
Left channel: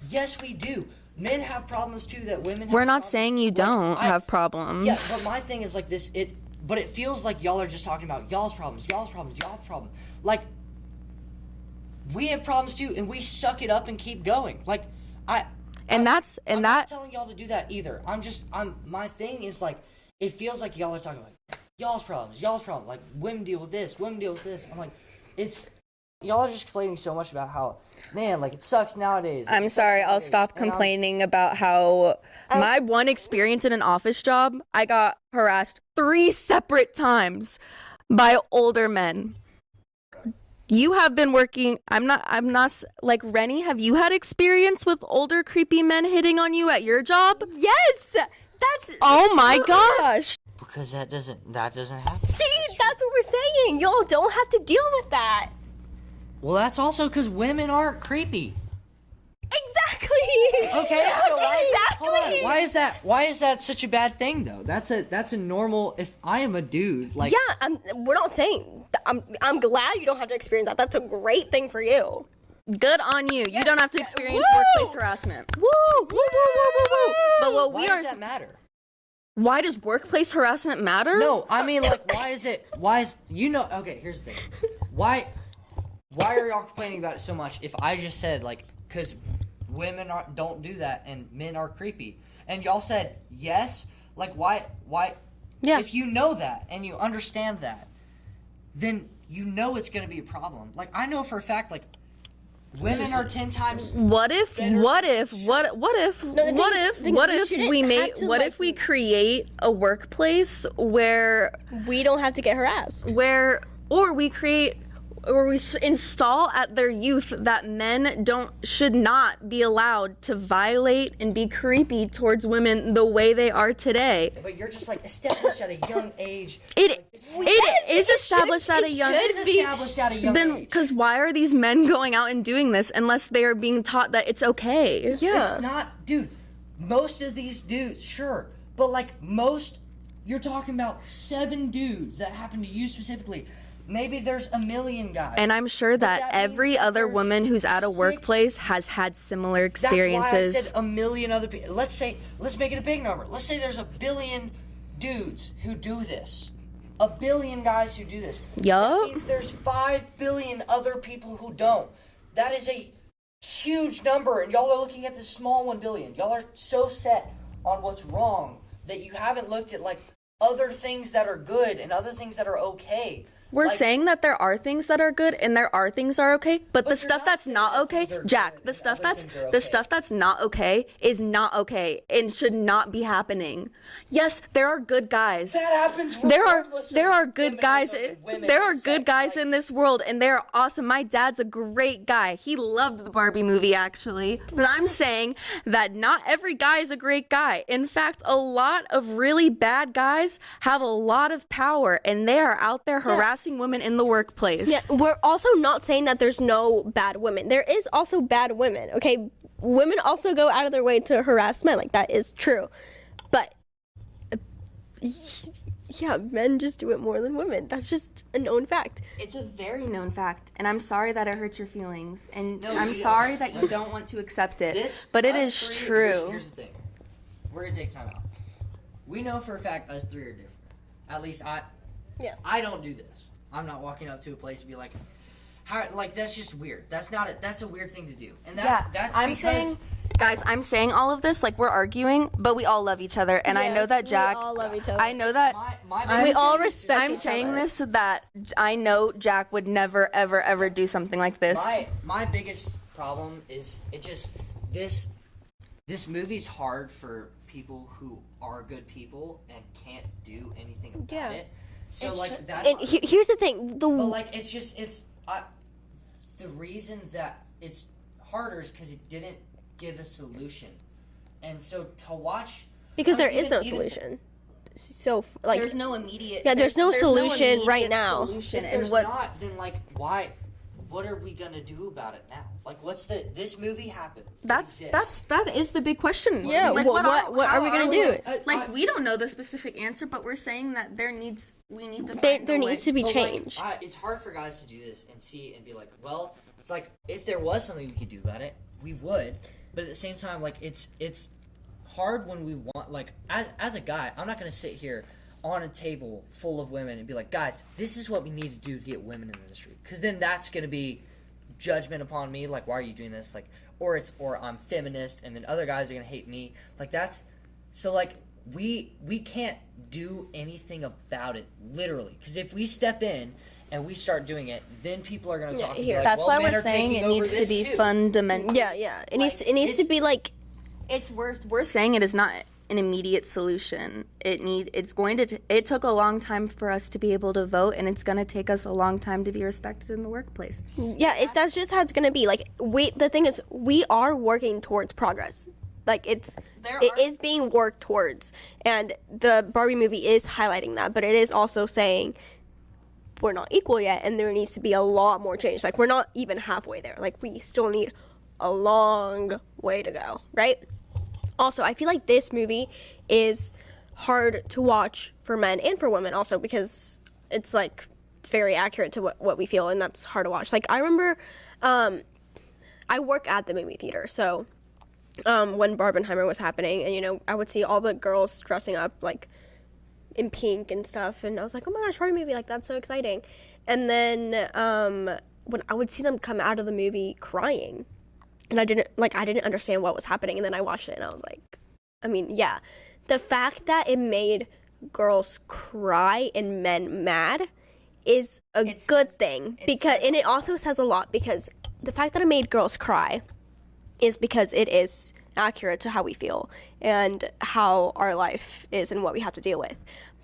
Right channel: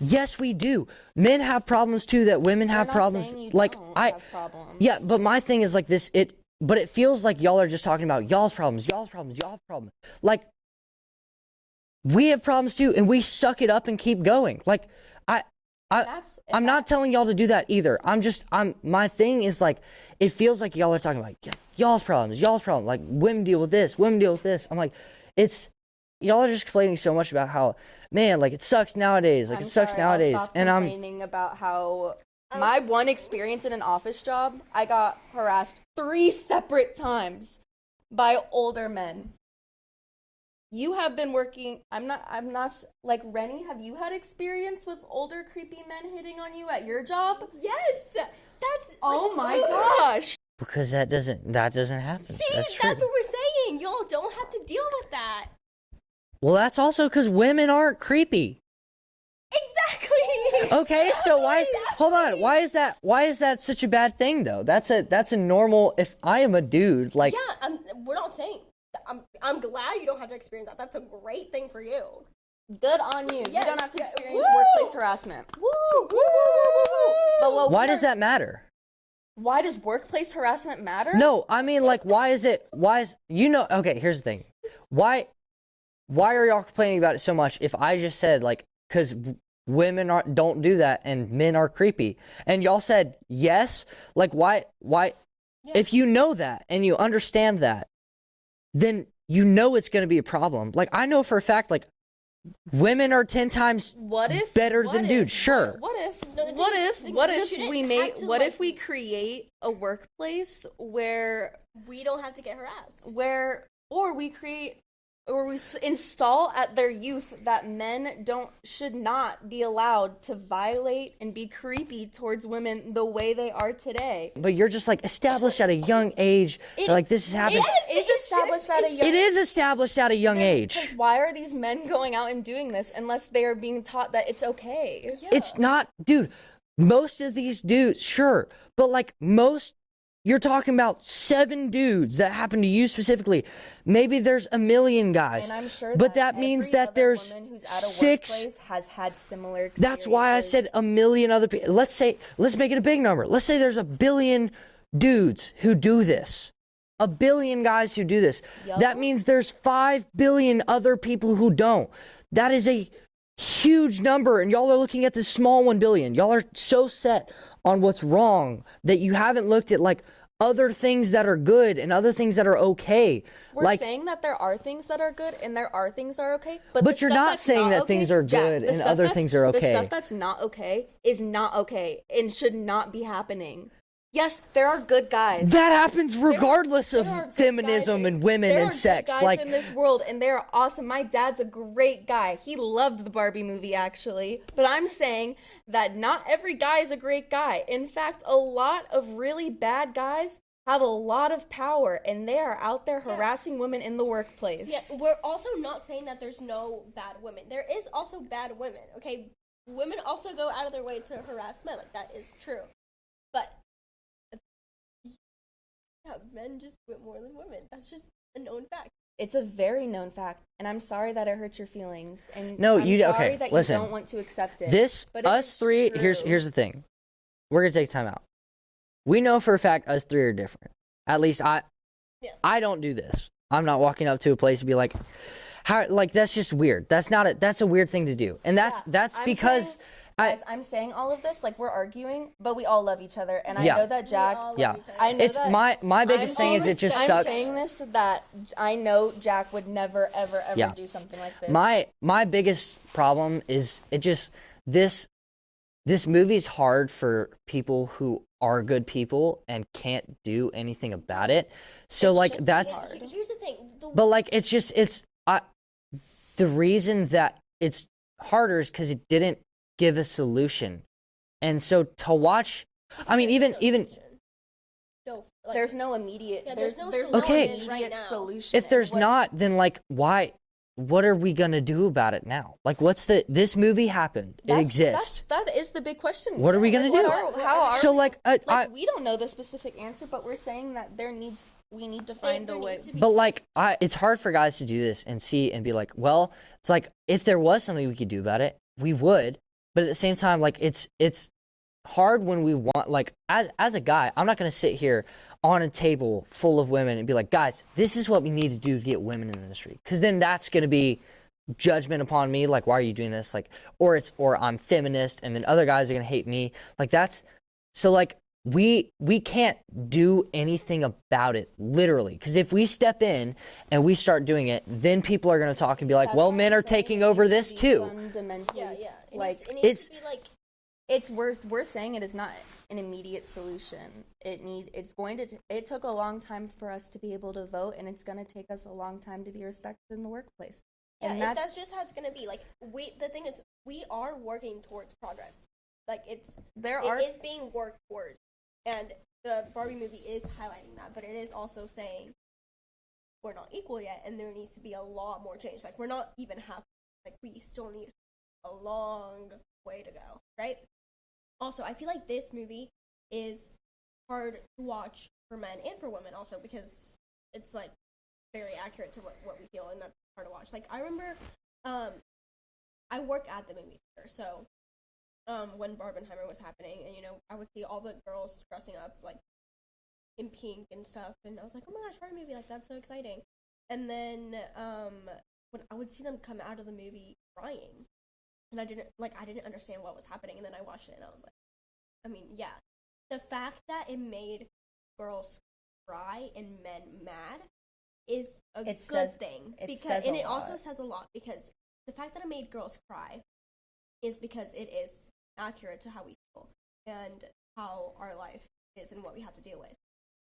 Yes, we do. Men have problems too that women have problems. We're not saying you like, don't have problems. Yeah, but my thing is like this, but it feels like y'all are just talking about y'all's problems. Like, we have problems too, and we suck it up and keep going. Like, I'm not telling y'all to do that either. My thing is like, it feels like y'all are talking about y'all's problems. Like, women deal with this. I'm like, y'all are just complaining so much about how, man, like, it sucks nowadays. Like, I'm sorry, I'll stop complaining about how my one experience in an office job, I got harassed 3 separate times by older men. You have been working, I'm not, like, Reni, have you had experience with older creepy men hitting on you at your job? Yes! Oh my gosh! Because that doesn't happen. See, that's what we're saying. Y'all don't have to deal with that. Well, that's also because women aren't creepy. Exactly. Okay, so hold on. Why is that such a bad thing though? That's a normal. If I am a dude, like, yeah, we're not saying. I'm glad you don't have to experience that. That's a great thing for you. Good on you. Yes, You don't have to experience woo! workplace harassment. Woo! Woo! But why does that matter? Why does workplace harassment matter? No, I mean, like, okay, here's the thing. Why are y'all complaining about it so much if I just said, like, because women don't do that and men are creepy, and y'all said yes, like, why Yeah. if you know that and you understand that, then you know it's going to be a problem. Like, I know for a fact, like, women are 10 times better than dudes. Sure. What if we create a workplace where We don't have to get harassed. or we install at their youth that men should not be allowed to violate and be creepy towards women the way they are today. But you're just like established at a young age. Like, this is happening. It is established at a young age. It is established at a young age. Because why are these men going out and doing this unless they are being taught that it's okay? Yeah. It's not, dude. Most of these dudes, sure, but like you're talking about 7 dudes that happen to you specifically. Maybe there's a million guys. And I'm sure but that means every that other there's woman who's at a 6 workplace has had similar experiences. That's why I said a million other people. Let's make it a big number. Let's say there's 1 billion dudes who do this. 1 billion guys who do this. Yup. That means there's 5 billion other people who don't. That is a huge number, and y'all are looking at this small 1 billion. Y'all are so set on what's wrong that you haven't looked at, like, other things that are good and other things that are okay. We're like, saying that there are things that are good and there are things that are okay, but the you're stuff not that's saying not that okay, things are Jack, good the and stuff other that's- things are okay. The stuff that's not okay is not okay and should not be happening. Yes, there are good guys. that happens regardless there are of good guys, feminism and women there and are sex. good guys like, in this world, and they're awesome. My dad's a great guy. He loved the Barbie movie, actually. But I'm saying that not every guy is a great guy. In fact, a lot of really bad guys have a lot of power, and they are out there harassing women in the workplace. Yeah, we're also not saying that there's no bad women. There is also bad women, okay? Women also go out of their way to harass men. Like, that is true. But, yeah, men just do it more than women. That's just a known fact. It's a very known fact, and I'm sorry that it hurt your feelings, and No, I'm you- sorry okay, that listen. you don't want to accept it. But it us is three, true. Here's the thing. We're gonna take time out. We know for a fact us 3 are different. At least Yes. I don't do this. I'm not walking up to a place and be like, how, like, that's just weird. That's a weird thing to do. And that's I'm because saying, guys, I'm saying all of this like we're arguing, but we all love each other, and I Yeah. know that Jack. all love yeah. each other. I know It's that my biggest thing is it just I'm sucks. saying this so that I know Jack would never, ever, ever Yeah. do something like this. My biggest problem is this movie's hard for people who are good people and can't do anything about it. So like that's And here's the thing. but like the reason that it's harder is because it didn't give a solution, and so to watch because I mean, there is no even solution. So like there's no immediate. Yeah, there's no solution immediate right now. solution, if there's and what- not, then like why what are we gonna do about it now? Like, this movie happened. It exists. That is the big question. What are we gonna do? What are we gonna do? We don't know the specific answer, but we're saying that we need to There needs to be But change. like, it's hard for guys to do this and see and be like, well, it's like if there was something we could do about it, we would. But at the same time, like it's hard when we want, like, as a guy, I'm not gonna sit here on a table full of women and be like, guys, this is what we need to do to get women in the industry, because then that's gonna be judgment upon me, like, why are you doing this, like, or I'm feminist, and then other guys are gonna hate me, like, that's so, like, we can't do anything about it, literally, because if we step in and we start doing it, then people are gonna talk and be like, well, men are taking over this too. Fundamental. Yeah. It needs to be like, We're saying it is not an immediate solution. It took a long time for us to be able to vote, and it's going to take us a long time to be respected in the workplace. yeah, that's just how it's gonna be. Like, the thing is, we are working towards progress. Like, it is being worked towards, and the Barbie movie is highlighting that, but it is also saying we're not equal yet, and there needs to be a lot more change. Like, we're not even halfway there. Like, we still need a long way to go, right? Also, I feel like this movie is hard to watch for men and for women also, because it's like, it's very accurate to what we feel, and that's hard to watch. Like, I remember, I work at the movie theater, so when Barbenheimer was happening, and, you know, I would see all the girls dressing up, like, in pink and stuff, and I was like, oh my gosh, Barbie movie, like, that's so exciting. And then when I would see them come out of the movie crying, and I didn't understand what was happening, and then I watched it, and I was like, I mean, yeah, the fact that it made girls cry and men mad is a good thing, because, and it also says a lot, because the fact that it made girls cry is because it is accurate to how we feel and how our life is and what we have to deal with.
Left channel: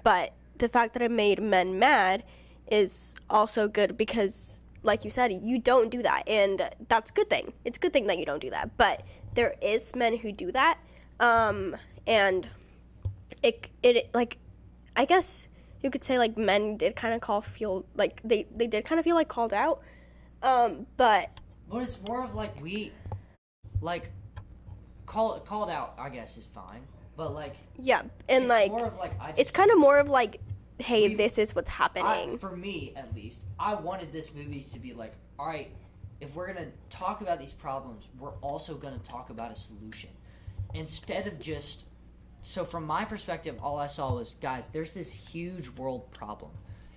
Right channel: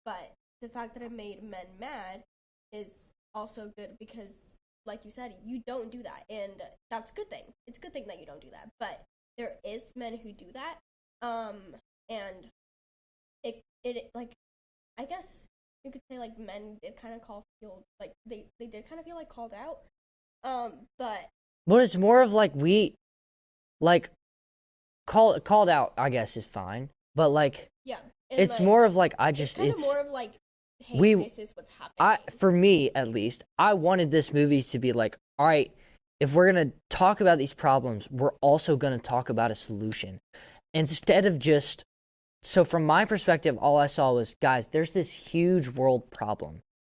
But the fact that it made men mad is also good, because, like you said, you don't do that, and that's a good thing. It's a good thing that you don't do that, but there is men who do that, and it like, I guess you could say, like, men did kind of feel like they did kind of feel like called out, but it's more of like, we, like, called out, I guess, is fine, but, like, yeah, and it's like, more of like, it's kind of more of like, hey, this is what's happening. For me, at least, I wanted this movie to be like, all right, if we're going to talk about these problems, we're also going to talk about a solution. Instead of just, so from my perspective, all I saw was, guys, there's this huge world problem,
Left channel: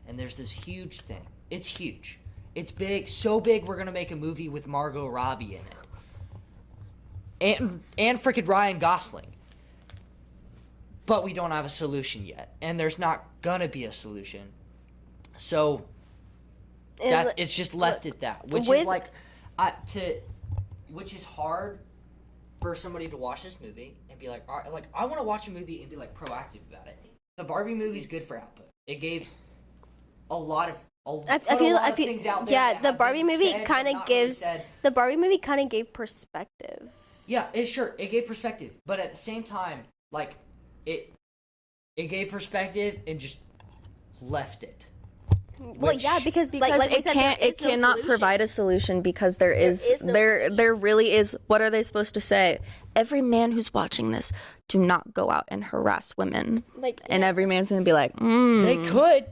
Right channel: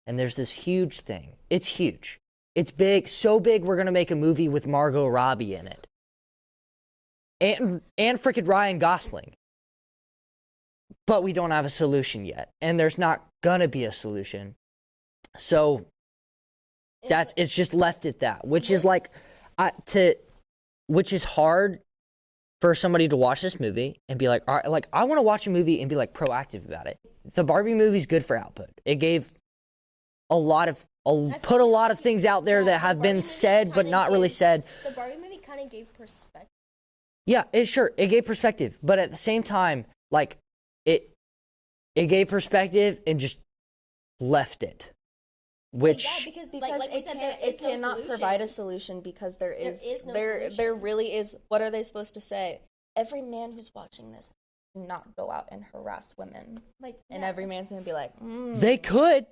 and there's this huge thing. It's huge. It's big, so big we're going to make a movie with Margot Robbie in it. And frickin' Ryan Gosling. But we don't have a solution yet, and there's not gonna be a solution. So it's just left at that, which is like, which is hard for somebody to watch this movie and be like, all right, like, I want to watch a movie and be like proactive about it. The Barbie movie's good for output. It gave a lot of things out there that have been said but not really said. The Barbie movie kind of gave perspective. Yeah, it gave perspective, but at the same time, like, it gave perspective and just left it. Well, yeah, because like we said, it cannot provide a solution, because there really is. What are they supposed to say? Every man who's watching this, do not go out and harass women. And every man's gonna be like, they could.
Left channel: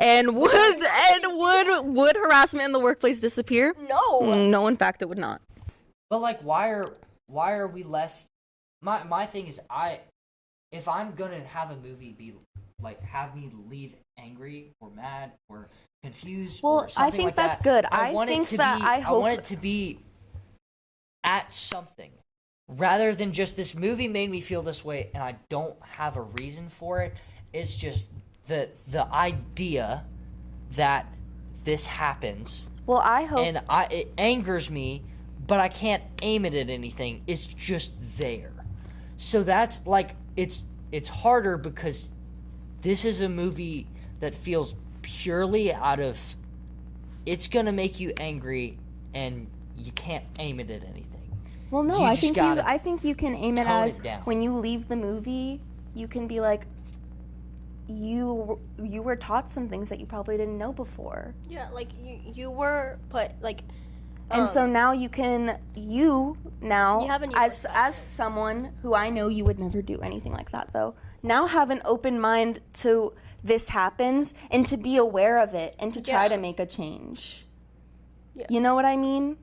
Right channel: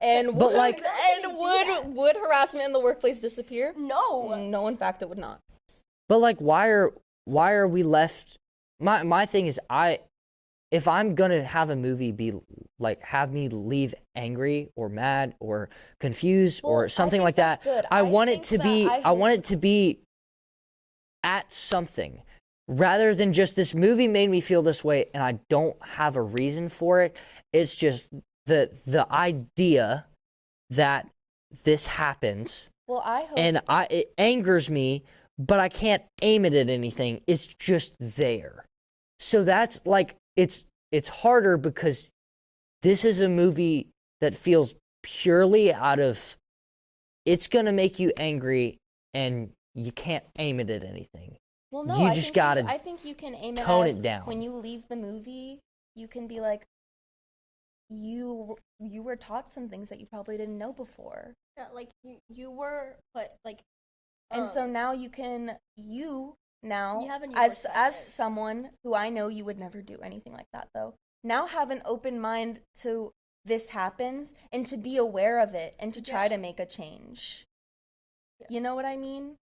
And would harassment in the workplace disappear? No, in fact, it would not. But like, why are we left? My thing is, if I'm gonna have a movie be like, have me leave angry or mad or confused or something like that, good. I want it to be at something, rather than just, this movie made me feel this way and I don't have a reason for it. It's just the idea that this happens. Well, I hope. And it angers me, but I can't aim it at anything. It's just there. So that's like, it's harder, because this is a movie that feels purely out of, it's gonna make you angry and you can't aim it at anything. Well, no, I think you can aim it as, when you leave the movie, you can be like, you were taught some things that you probably didn't know before. Yeah, like you were put like. And so now you have as someone who I know you would never do anything like that though, now have an open mind to this happens and to be aware of it and to try to make a change. Yeah. You know what I mean?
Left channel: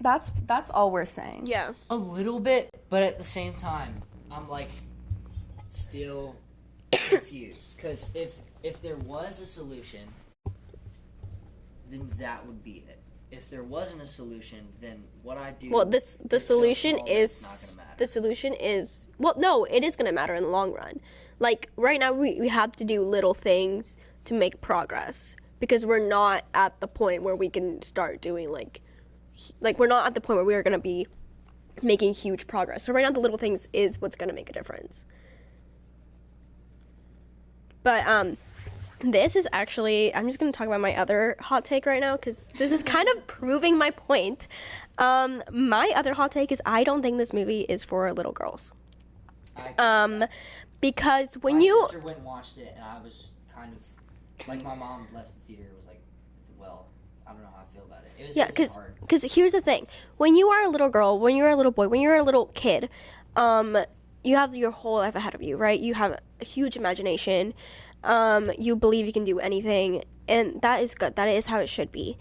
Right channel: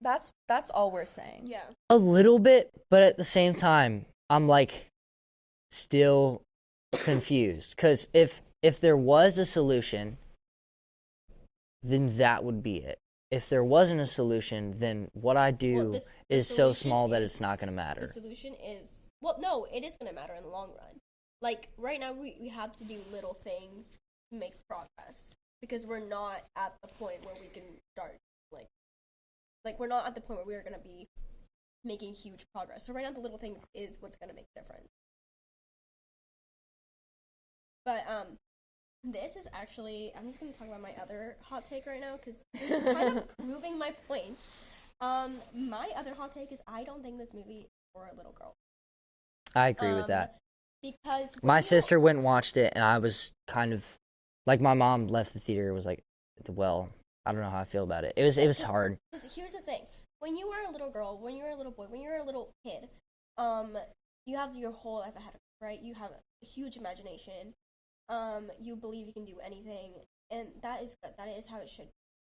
That's all we're saying. Yeah. A little bit, but at the same time, I'm like still confused. Because if there was a solution, then that would be it. If there wasn't a solution, then what I do is so small that it's not going to matter. The solution is, well, no, it is going to matter in the long run. Like, right now, we have to do little things to make progress. Because we're not at the point where we can start doing, like we're not at the point where we are going to be making huge progress. So right now, the little things is what's going to make a difference. But this is actually, I'm just going to talk about my other hot take right now because this is kind of proving my point. My other hot take is I don't think this movie is for little girls. I agree with that. Because when my sister went and watched it, and I was kind of, like, my mom left the theater, was like, well, I don't know how I feel about it. It was hard. Because here's the thing. When you are a little girl, when you're a little boy, when you're a little kid, you have your whole life ahead of you, right? You have a huge imagination. You believe you can do anything, and that is good. That is how it should be.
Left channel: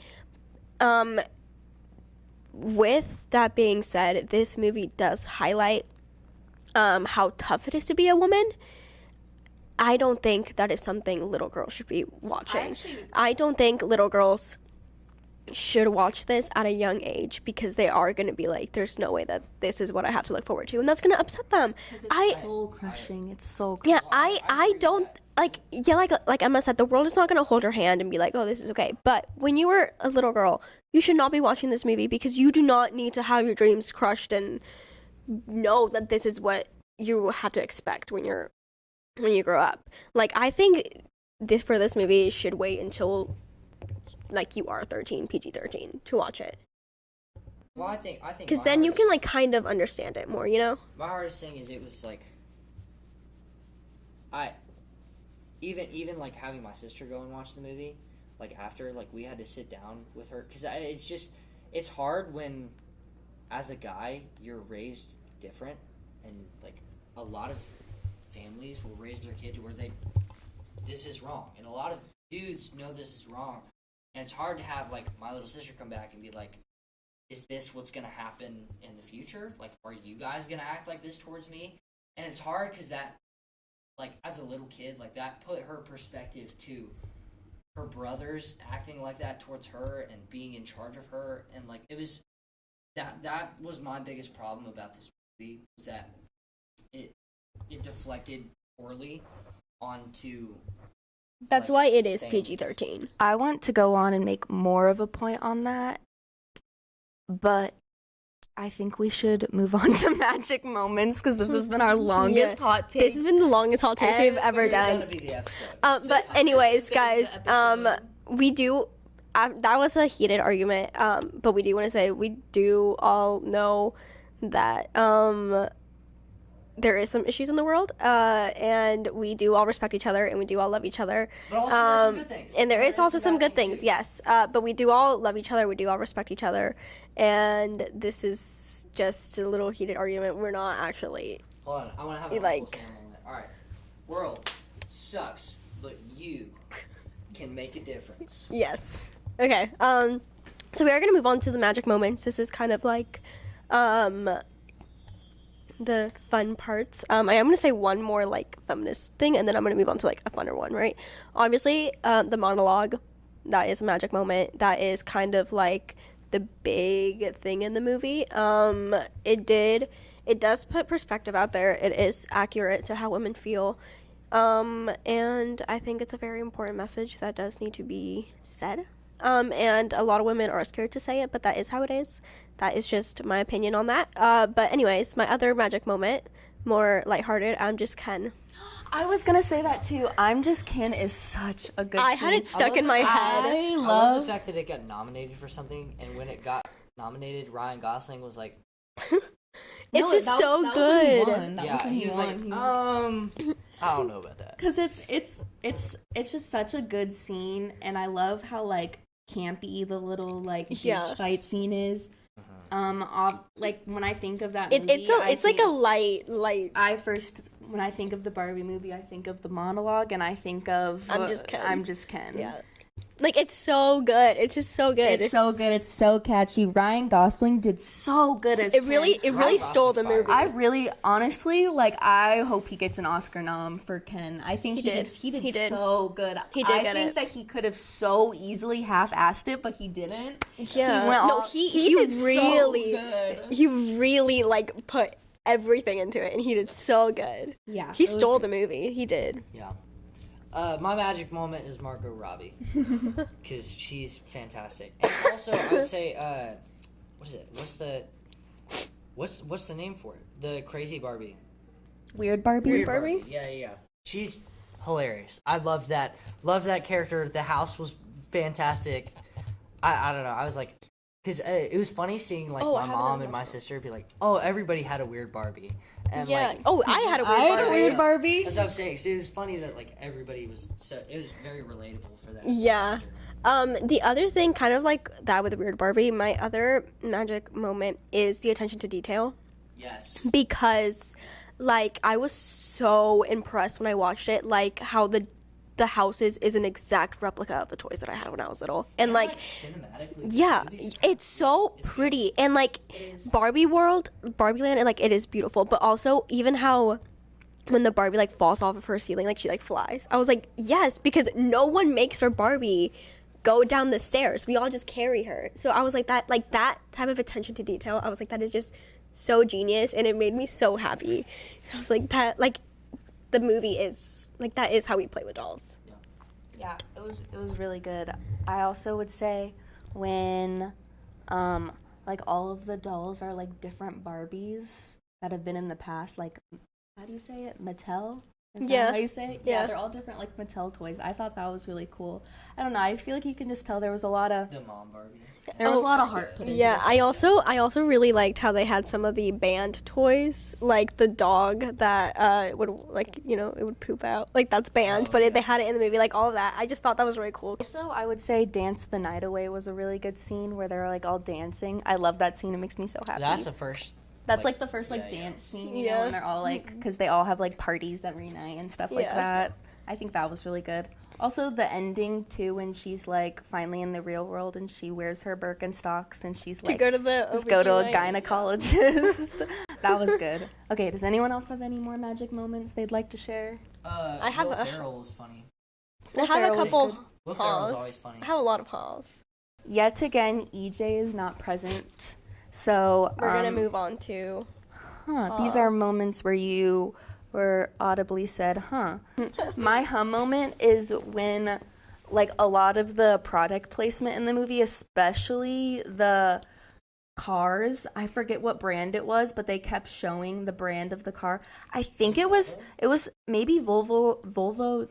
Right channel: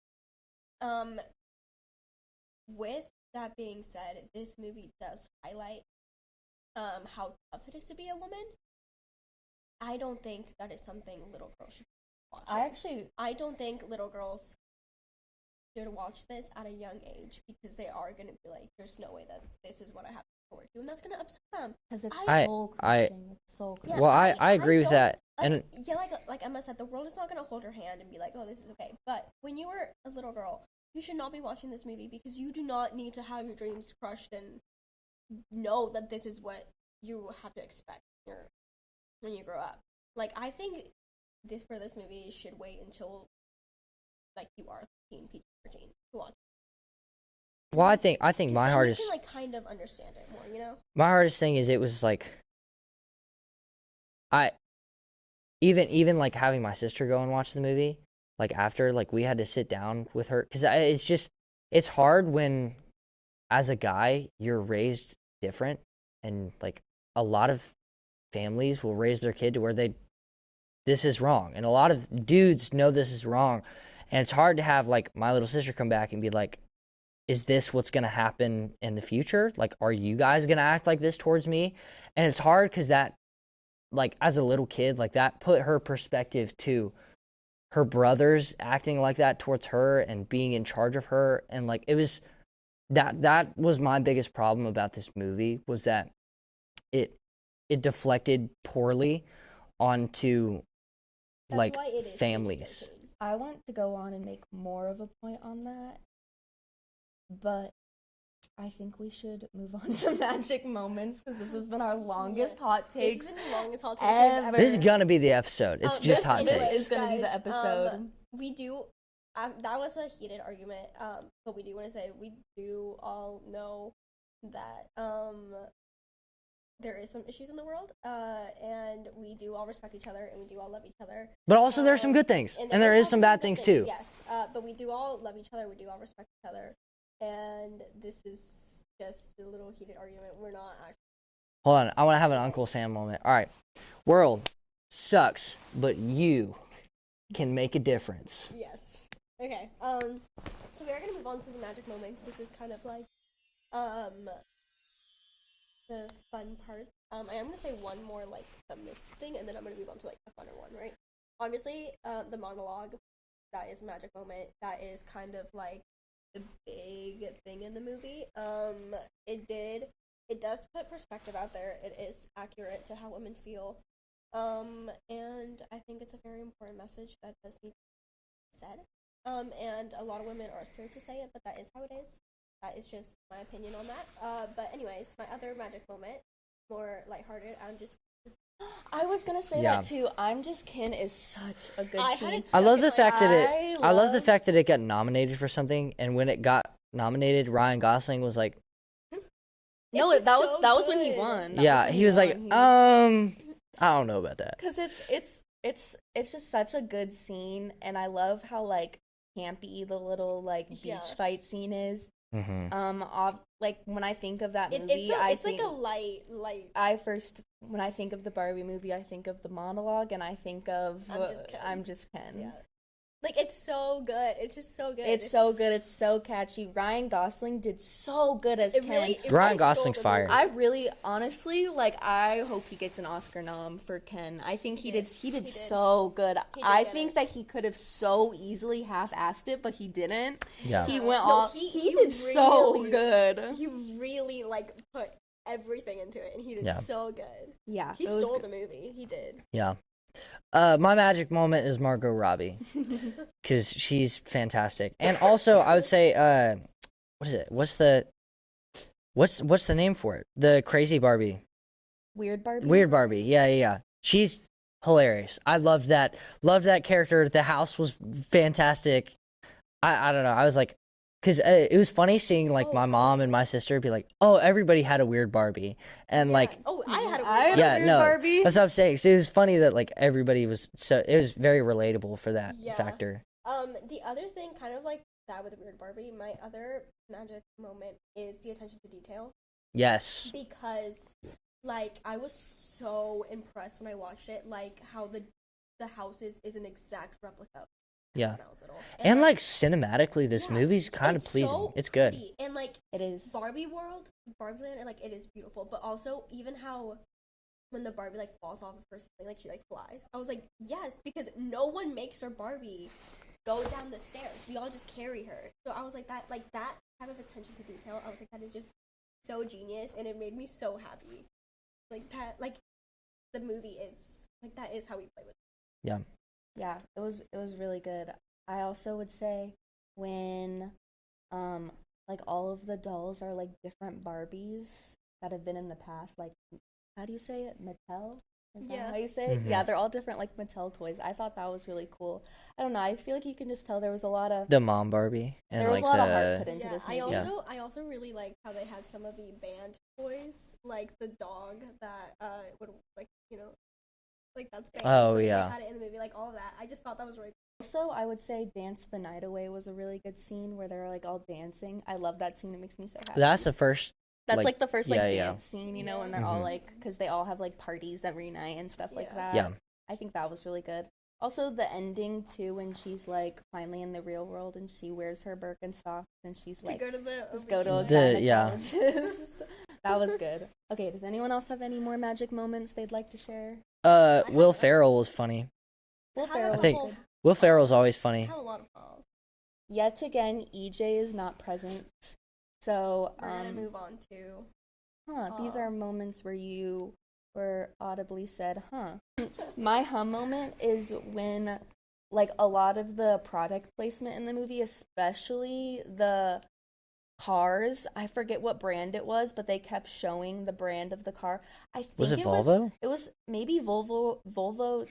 With that being said, this movie does highlight how tough it is to be a woman. I don't think that is something little girls should be watching. I don't think little girls should watch this at a young age because they are going to be like, there's no way that this is what I have to look forward to, and that's going to upset them. It's soul crushing. It's soul crushing. Yeah, well, I agree with that. Like Emma said, the world is not going to hold her hand and be like, oh, this is okay. But when you were a little girl, you should not be watching this movie because you do not need to have your dreams crushed and know that this is what you have to expect when you grow up. Like, I think for this movie should wait until like you are 13, PG-13 to watch it. Well, I think because then you can like kind of understand it more, you know. My hardest thing is it was like even like having my sister go and watch the movie, like after, like we had to sit down with her because it's hard when as a guy you're raised different, and like a lot of families will raise their kid to where this is wrong, and a lot of dudes know this is wrong. And it's hard to have, like, my little sister come back and be like, is this what's going to happen in the future? Like, are you guys going to act like this towards me? And it's hard because that, like, as a little kid, like, that put her perspective to her brothers acting like that towards her and being in charge of her. And, like, it was, that was my biggest problem about this movie, was that it deflected poorly onto... That's like, why it is families. PG-13. I want to go on and make more of a point on that, but I think we should move on to magic moments because this has been our longest hot take. This has been the longest hot take we've ever done. This is gonna be the episode. It's just hot anyways, takes. guys, we do. That was a heated argument, but we do want to say we do all know that there is some issues in the world, and we do all respect each other, and we do all love each other. But also there's some good things. And there is also some good things, too. yes. But we do all love each other, we do all respect each other, and this is just a little heated argument. We're not actually... Hold on, I want to have an Uncle Sam moment. All right, world sucks, but you can make a difference. Yes. Okay, so we are going to move on to the magic moments. This is kind of like... the fun parts. I am going to say one more like feminist thing, and then I'm going to move on to like a funner one, right? Obviously, the monologue, that is a magic moment. That is kind of like the big thing in the movie. It does put perspective out there. It is accurate to how women feel. And I think it's a very important message that does need to be said. And a lot of women are scared to say it, but that is how it is. That is just my opinion on that. But anyways, my other magic moment, more lighthearted, I'm Just Ken. I was going to say that too. I'm Just Ken is such a good I had it stuck in my head. I love the fact that it got nominated for something, and when it got nominated, Ryan Gosling was like... It's just so good. Yeah, he was like, I I don't know about that. Because it's just such a good scene, and I love how like campy the little like beach fight scene is. Like when I think of that movie, it's like a light. When I think of the Barbie movie, I think of the monologue, and I think of I'm just Ken. Yeah. Like, it's so good. It's just so good. It's so good. It's so catchy. Ryan Gosling did so good as Ken. It really stole the movie. I really, honestly, like, I hope he gets an Oscar nom for Ken. I think he did so good. I think that he could have so easily half-assed it, but he didn't. Yeah. He went he did really good. He really, like, put everything into it, and he did so good. Yeah. He stole the movie. He did. Yeah. My magic moment is Margot Robbie, because she's fantastic. And also, I would say, what is it? What's the name for it? The crazy Barbie. Weird Barbie? Weird Barbie. Yeah. She's hilarious. I loved that. Loved that character. The house was fantastic. I don't know. I was like, because it was funny seeing like my mom and my sister be like, "Oh, everybody had a weird Barbie," and like, "Oh, I had a weird Barbie." That's what I'm saying. So it was funny that like everybody was it was very relatable for that factor. The other thing, kind of like that with Weird Barbie, my other magic moment is the attention to detail. Yes. Because, like, I was so impressed when I watched it, like how the houses is an exact replica of the toys that I had when I was little. And like cinematically, this movie's kind of pleasing. So it's pretty. Good. And like Barbie World, Barbie Land, and like it is beautiful. But also even how when the Barbie like falls off of her ceiling, like she like flies. I was like, yes, because no one makes her Barbie go down the stairs. We all just carry her. So I was like that type of attention to detail. I was like, that is just so genius, and it made me so happy. So I was like, that like. The movie is like that is how we play with dolls. Yeah it was really good. I also would say when like all of the dolls are like different Barbies that have been in the past, like how do you say it, Mattel? Is that how you say it? Yeah, they're all different like Mattel toys. I thought that was really cool. I don't know, I feel like you can just tell there was a lot of the mom Barbie. There was a lot of heart put into this. I also really liked how they had some of the banned toys, like the dog that would like, you know, it would poop out. Like that's banned, but they had it in the movie, like all of that. I just thought that was really cool. Also, I would say Dance the Night Away was a really good scene where they're like all dancing. I love that scene. It makes me so happy. That's the first. That's like the first dance scene, you know, and they're all like, because they all have like parties every night and stuff like that. Yeah. I think that was really good. Also, the ending too, when she's like finally in the real world and she wears her Birkenstocks and she's like to go to a gynecologist. That was good. Okay, does anyone else have any more magic moments they'd like to share? Will Ferrell was funny. I have a couple. Will Ferrell's always funny. I have a lot of hauls. Yet again, EJ is not present. So we're gonna move on to. These are moments where you were audibly said, "Huh." My moment is when, like, a lot of the product placement in the movie, especially the cars. I forget what brand it was, but they kept showing the brand of the car. I think it was maybe Volvo.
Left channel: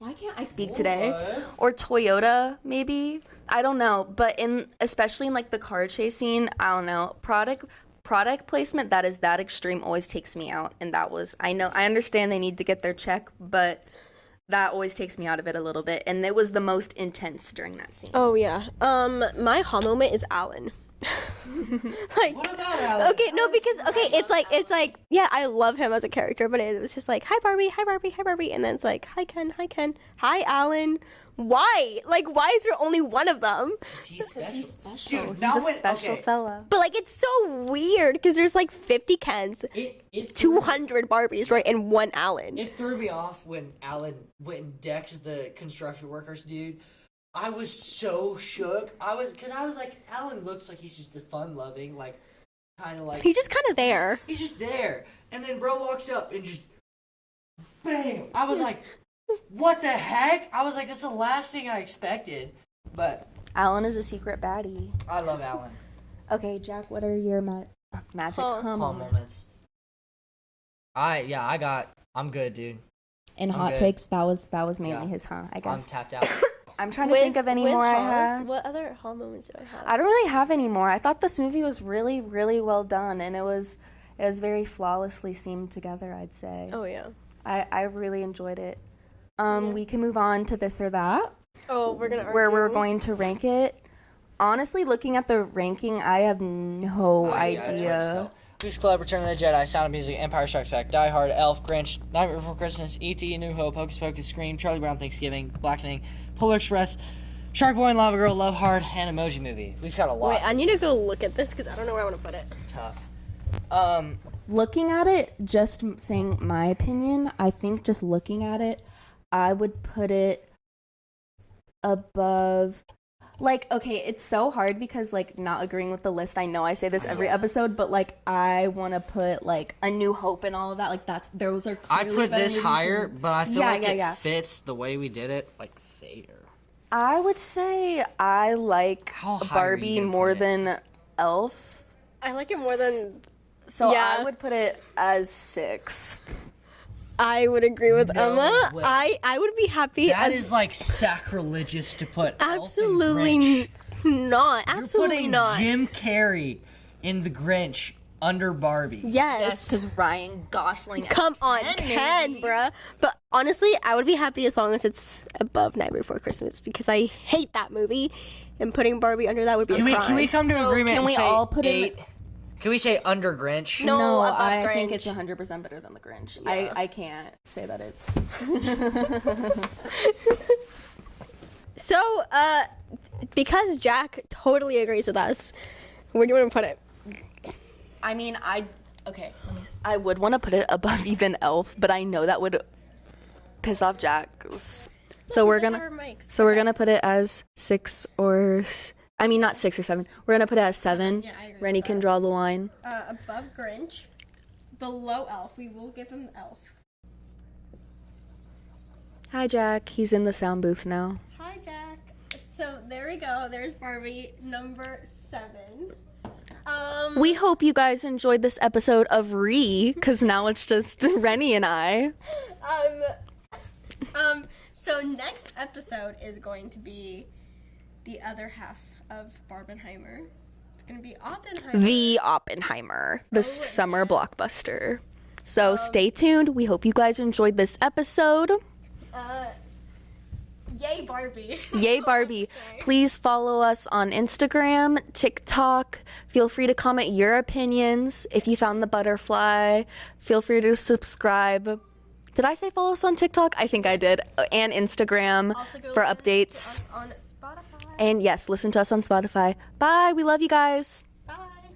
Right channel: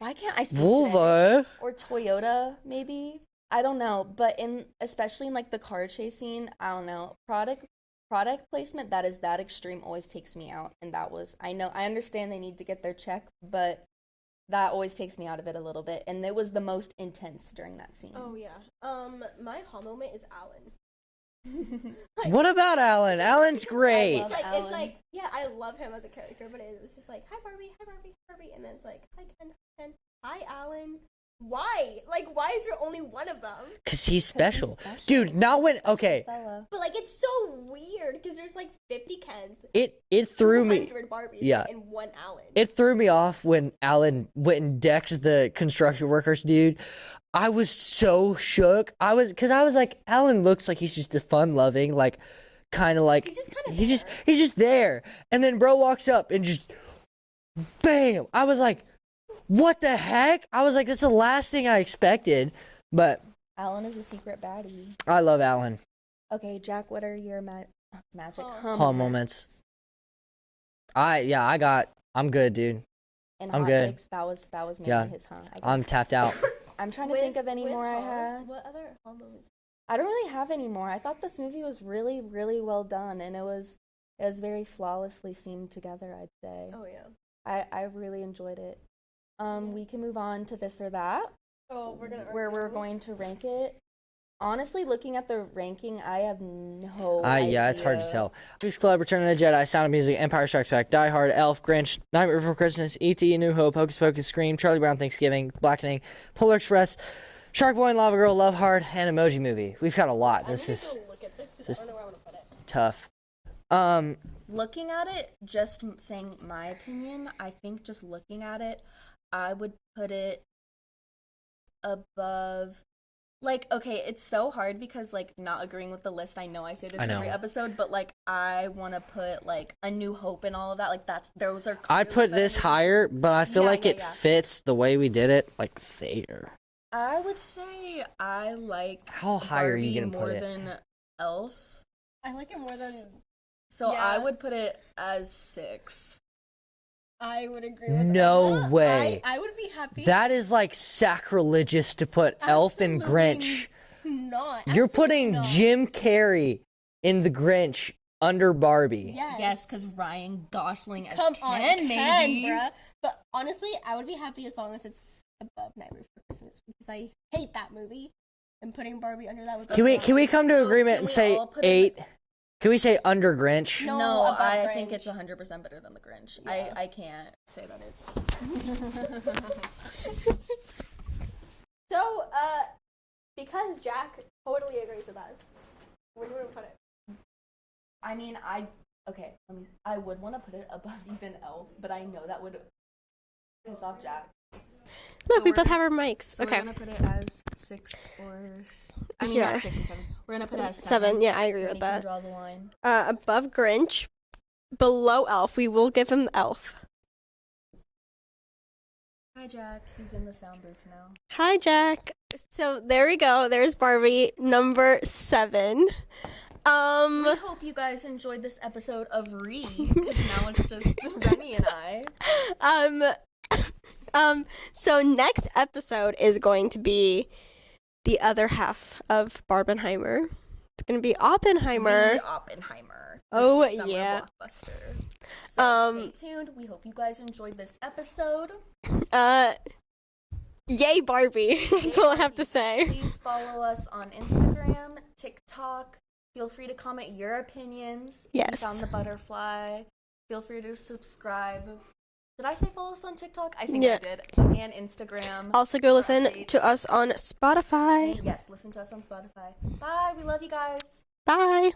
Why can't I speak today? Or Toyota, maybe. I don't know, but especially in like the car chase scene, I don't know. Product placement that is that extreme always takes me out, and that was I understand they need to get their check, but that always takes me out of it a little bit, and it was the most intense during that scene. Oh yeah. My ha moment is Alan. Like, what about Alan? Okay, Alan's great. It's like yeah, I love him as a character, but it was just like, hi Barbie, and then it's like, hi Ken, hi Alan. Why? Like, why is there only one of them? Because he's special. Dude, not when okay. Fella. But like, it's so weird because there's like 50 Kens, it threw 200 Barbies, right, and one Alan. It threw me off when Alan went and decked the construction workers, dude. I was so shook. I was like, Alan looks like he's just a fun-loving, like, kind of like he's just kind of there. He's just there, and then bro walks up and just, bam! I was like, what the heck? I was like, that's the last thing I expected, but Alan is a secret baddie. I love Alan. Okay, Jack, what are your magic moments? I'm good, dude. In hot takes, that was mainly his I guess. I'm tapped out. I'm trying to think of any more I have. What other hall moments do I have? I don't really have any more. I thought this movie was really, really well done, and it was very flawlessly seamed together, I'd say. Oh yeah. I really enjoyed it. We can move on to this or that, Oh, we're gonna where we're going to rank it. Honestly, looking at the ranking, I have no idea. Yeah, it's hard to tell. Weeks Club, Return of the Jedi, Sound of Music, Empire Strikes Back, Die Hard, Elf, Grinch, Nightmare Before Christmas, E.T., New Hope, Hocus Pocus, Scream, Charlie Brown Thanksgiving, Blackening, Polar Express, Shark Boy and Lava Girl, Love Hard, and Emoji Movie. We've got a lot. Wait, I need to go look at this because I don't know where I want to put it. Tough. Looking at it, just saying my opinion, I think just looking at it, I would put it above. Like, okay, it's so hard because, like, not agreeing with the list. I know I say this every episode, but, like, I want to put, like, A New Hope and all of that. Like, those are I'd put this higher, but I feel like it fits the way we did it, like, there. I would say I like How high are you Barbie gonna more put it? than Elf. I like it more than. So Yeah. I would put it as 6th. I would agree with No Emma. way. I would be happy. That is, like, sacrilegious to put Elf and Grinch. Not. You're Absolutely putting not. Jim Carrey in The Grinch under Barbie. Yes. because Ryan Gosling as Come on, Ken, Ken, maybe. bruh. But honestly, I would be happy as long as it's above Nightmare Before Christmas because I hate that movie, and putting Barbie under that would be. Can we come to agreement can and we say all put in- 8? Can we say under Grinch? No, No, above I Grinch. think it's 100% better than The Grinch. Yeah. I can't say that it's... So, because Jack totally agrees with us, where do you want to put it? I mean, I would want to put it above even Elf, but I know that would piss off Jack. So we we're both gonna have our mics. So we're gonna put it as 6 or not 6 or 7. We're gonna put it as 7. 7, yeah, I agree with Reni can that. draw the line. Above Grinch, below Elf. We will give him Elf. Hi Jack, he's in the sound booth now. Hi, Jack. So there we go. There's Barbie number 7. We hope you guys enjoyed this episode of because now it's just Reni and I. So next episode is going to be the other half of Barbenheimer. It's going to be Oppenheimer. The Oppenheimer, the summer yeah. blockbuster. So stay tuned. We hope you guys enjoyed this episode. Yay, Barbie. Yay, That's all I have Barbie. to say. Please follow us on Instagram, TikTok. Feel free to comment your opinions. If you Yes. found the butterfly, feel free to subscribe. Did I say follow us on TikTok? I think I did. And Instagram. Also go for listen updates. to us on Spotify. And yes, listen to us on Spotify. Bye. We love you guys. Bye.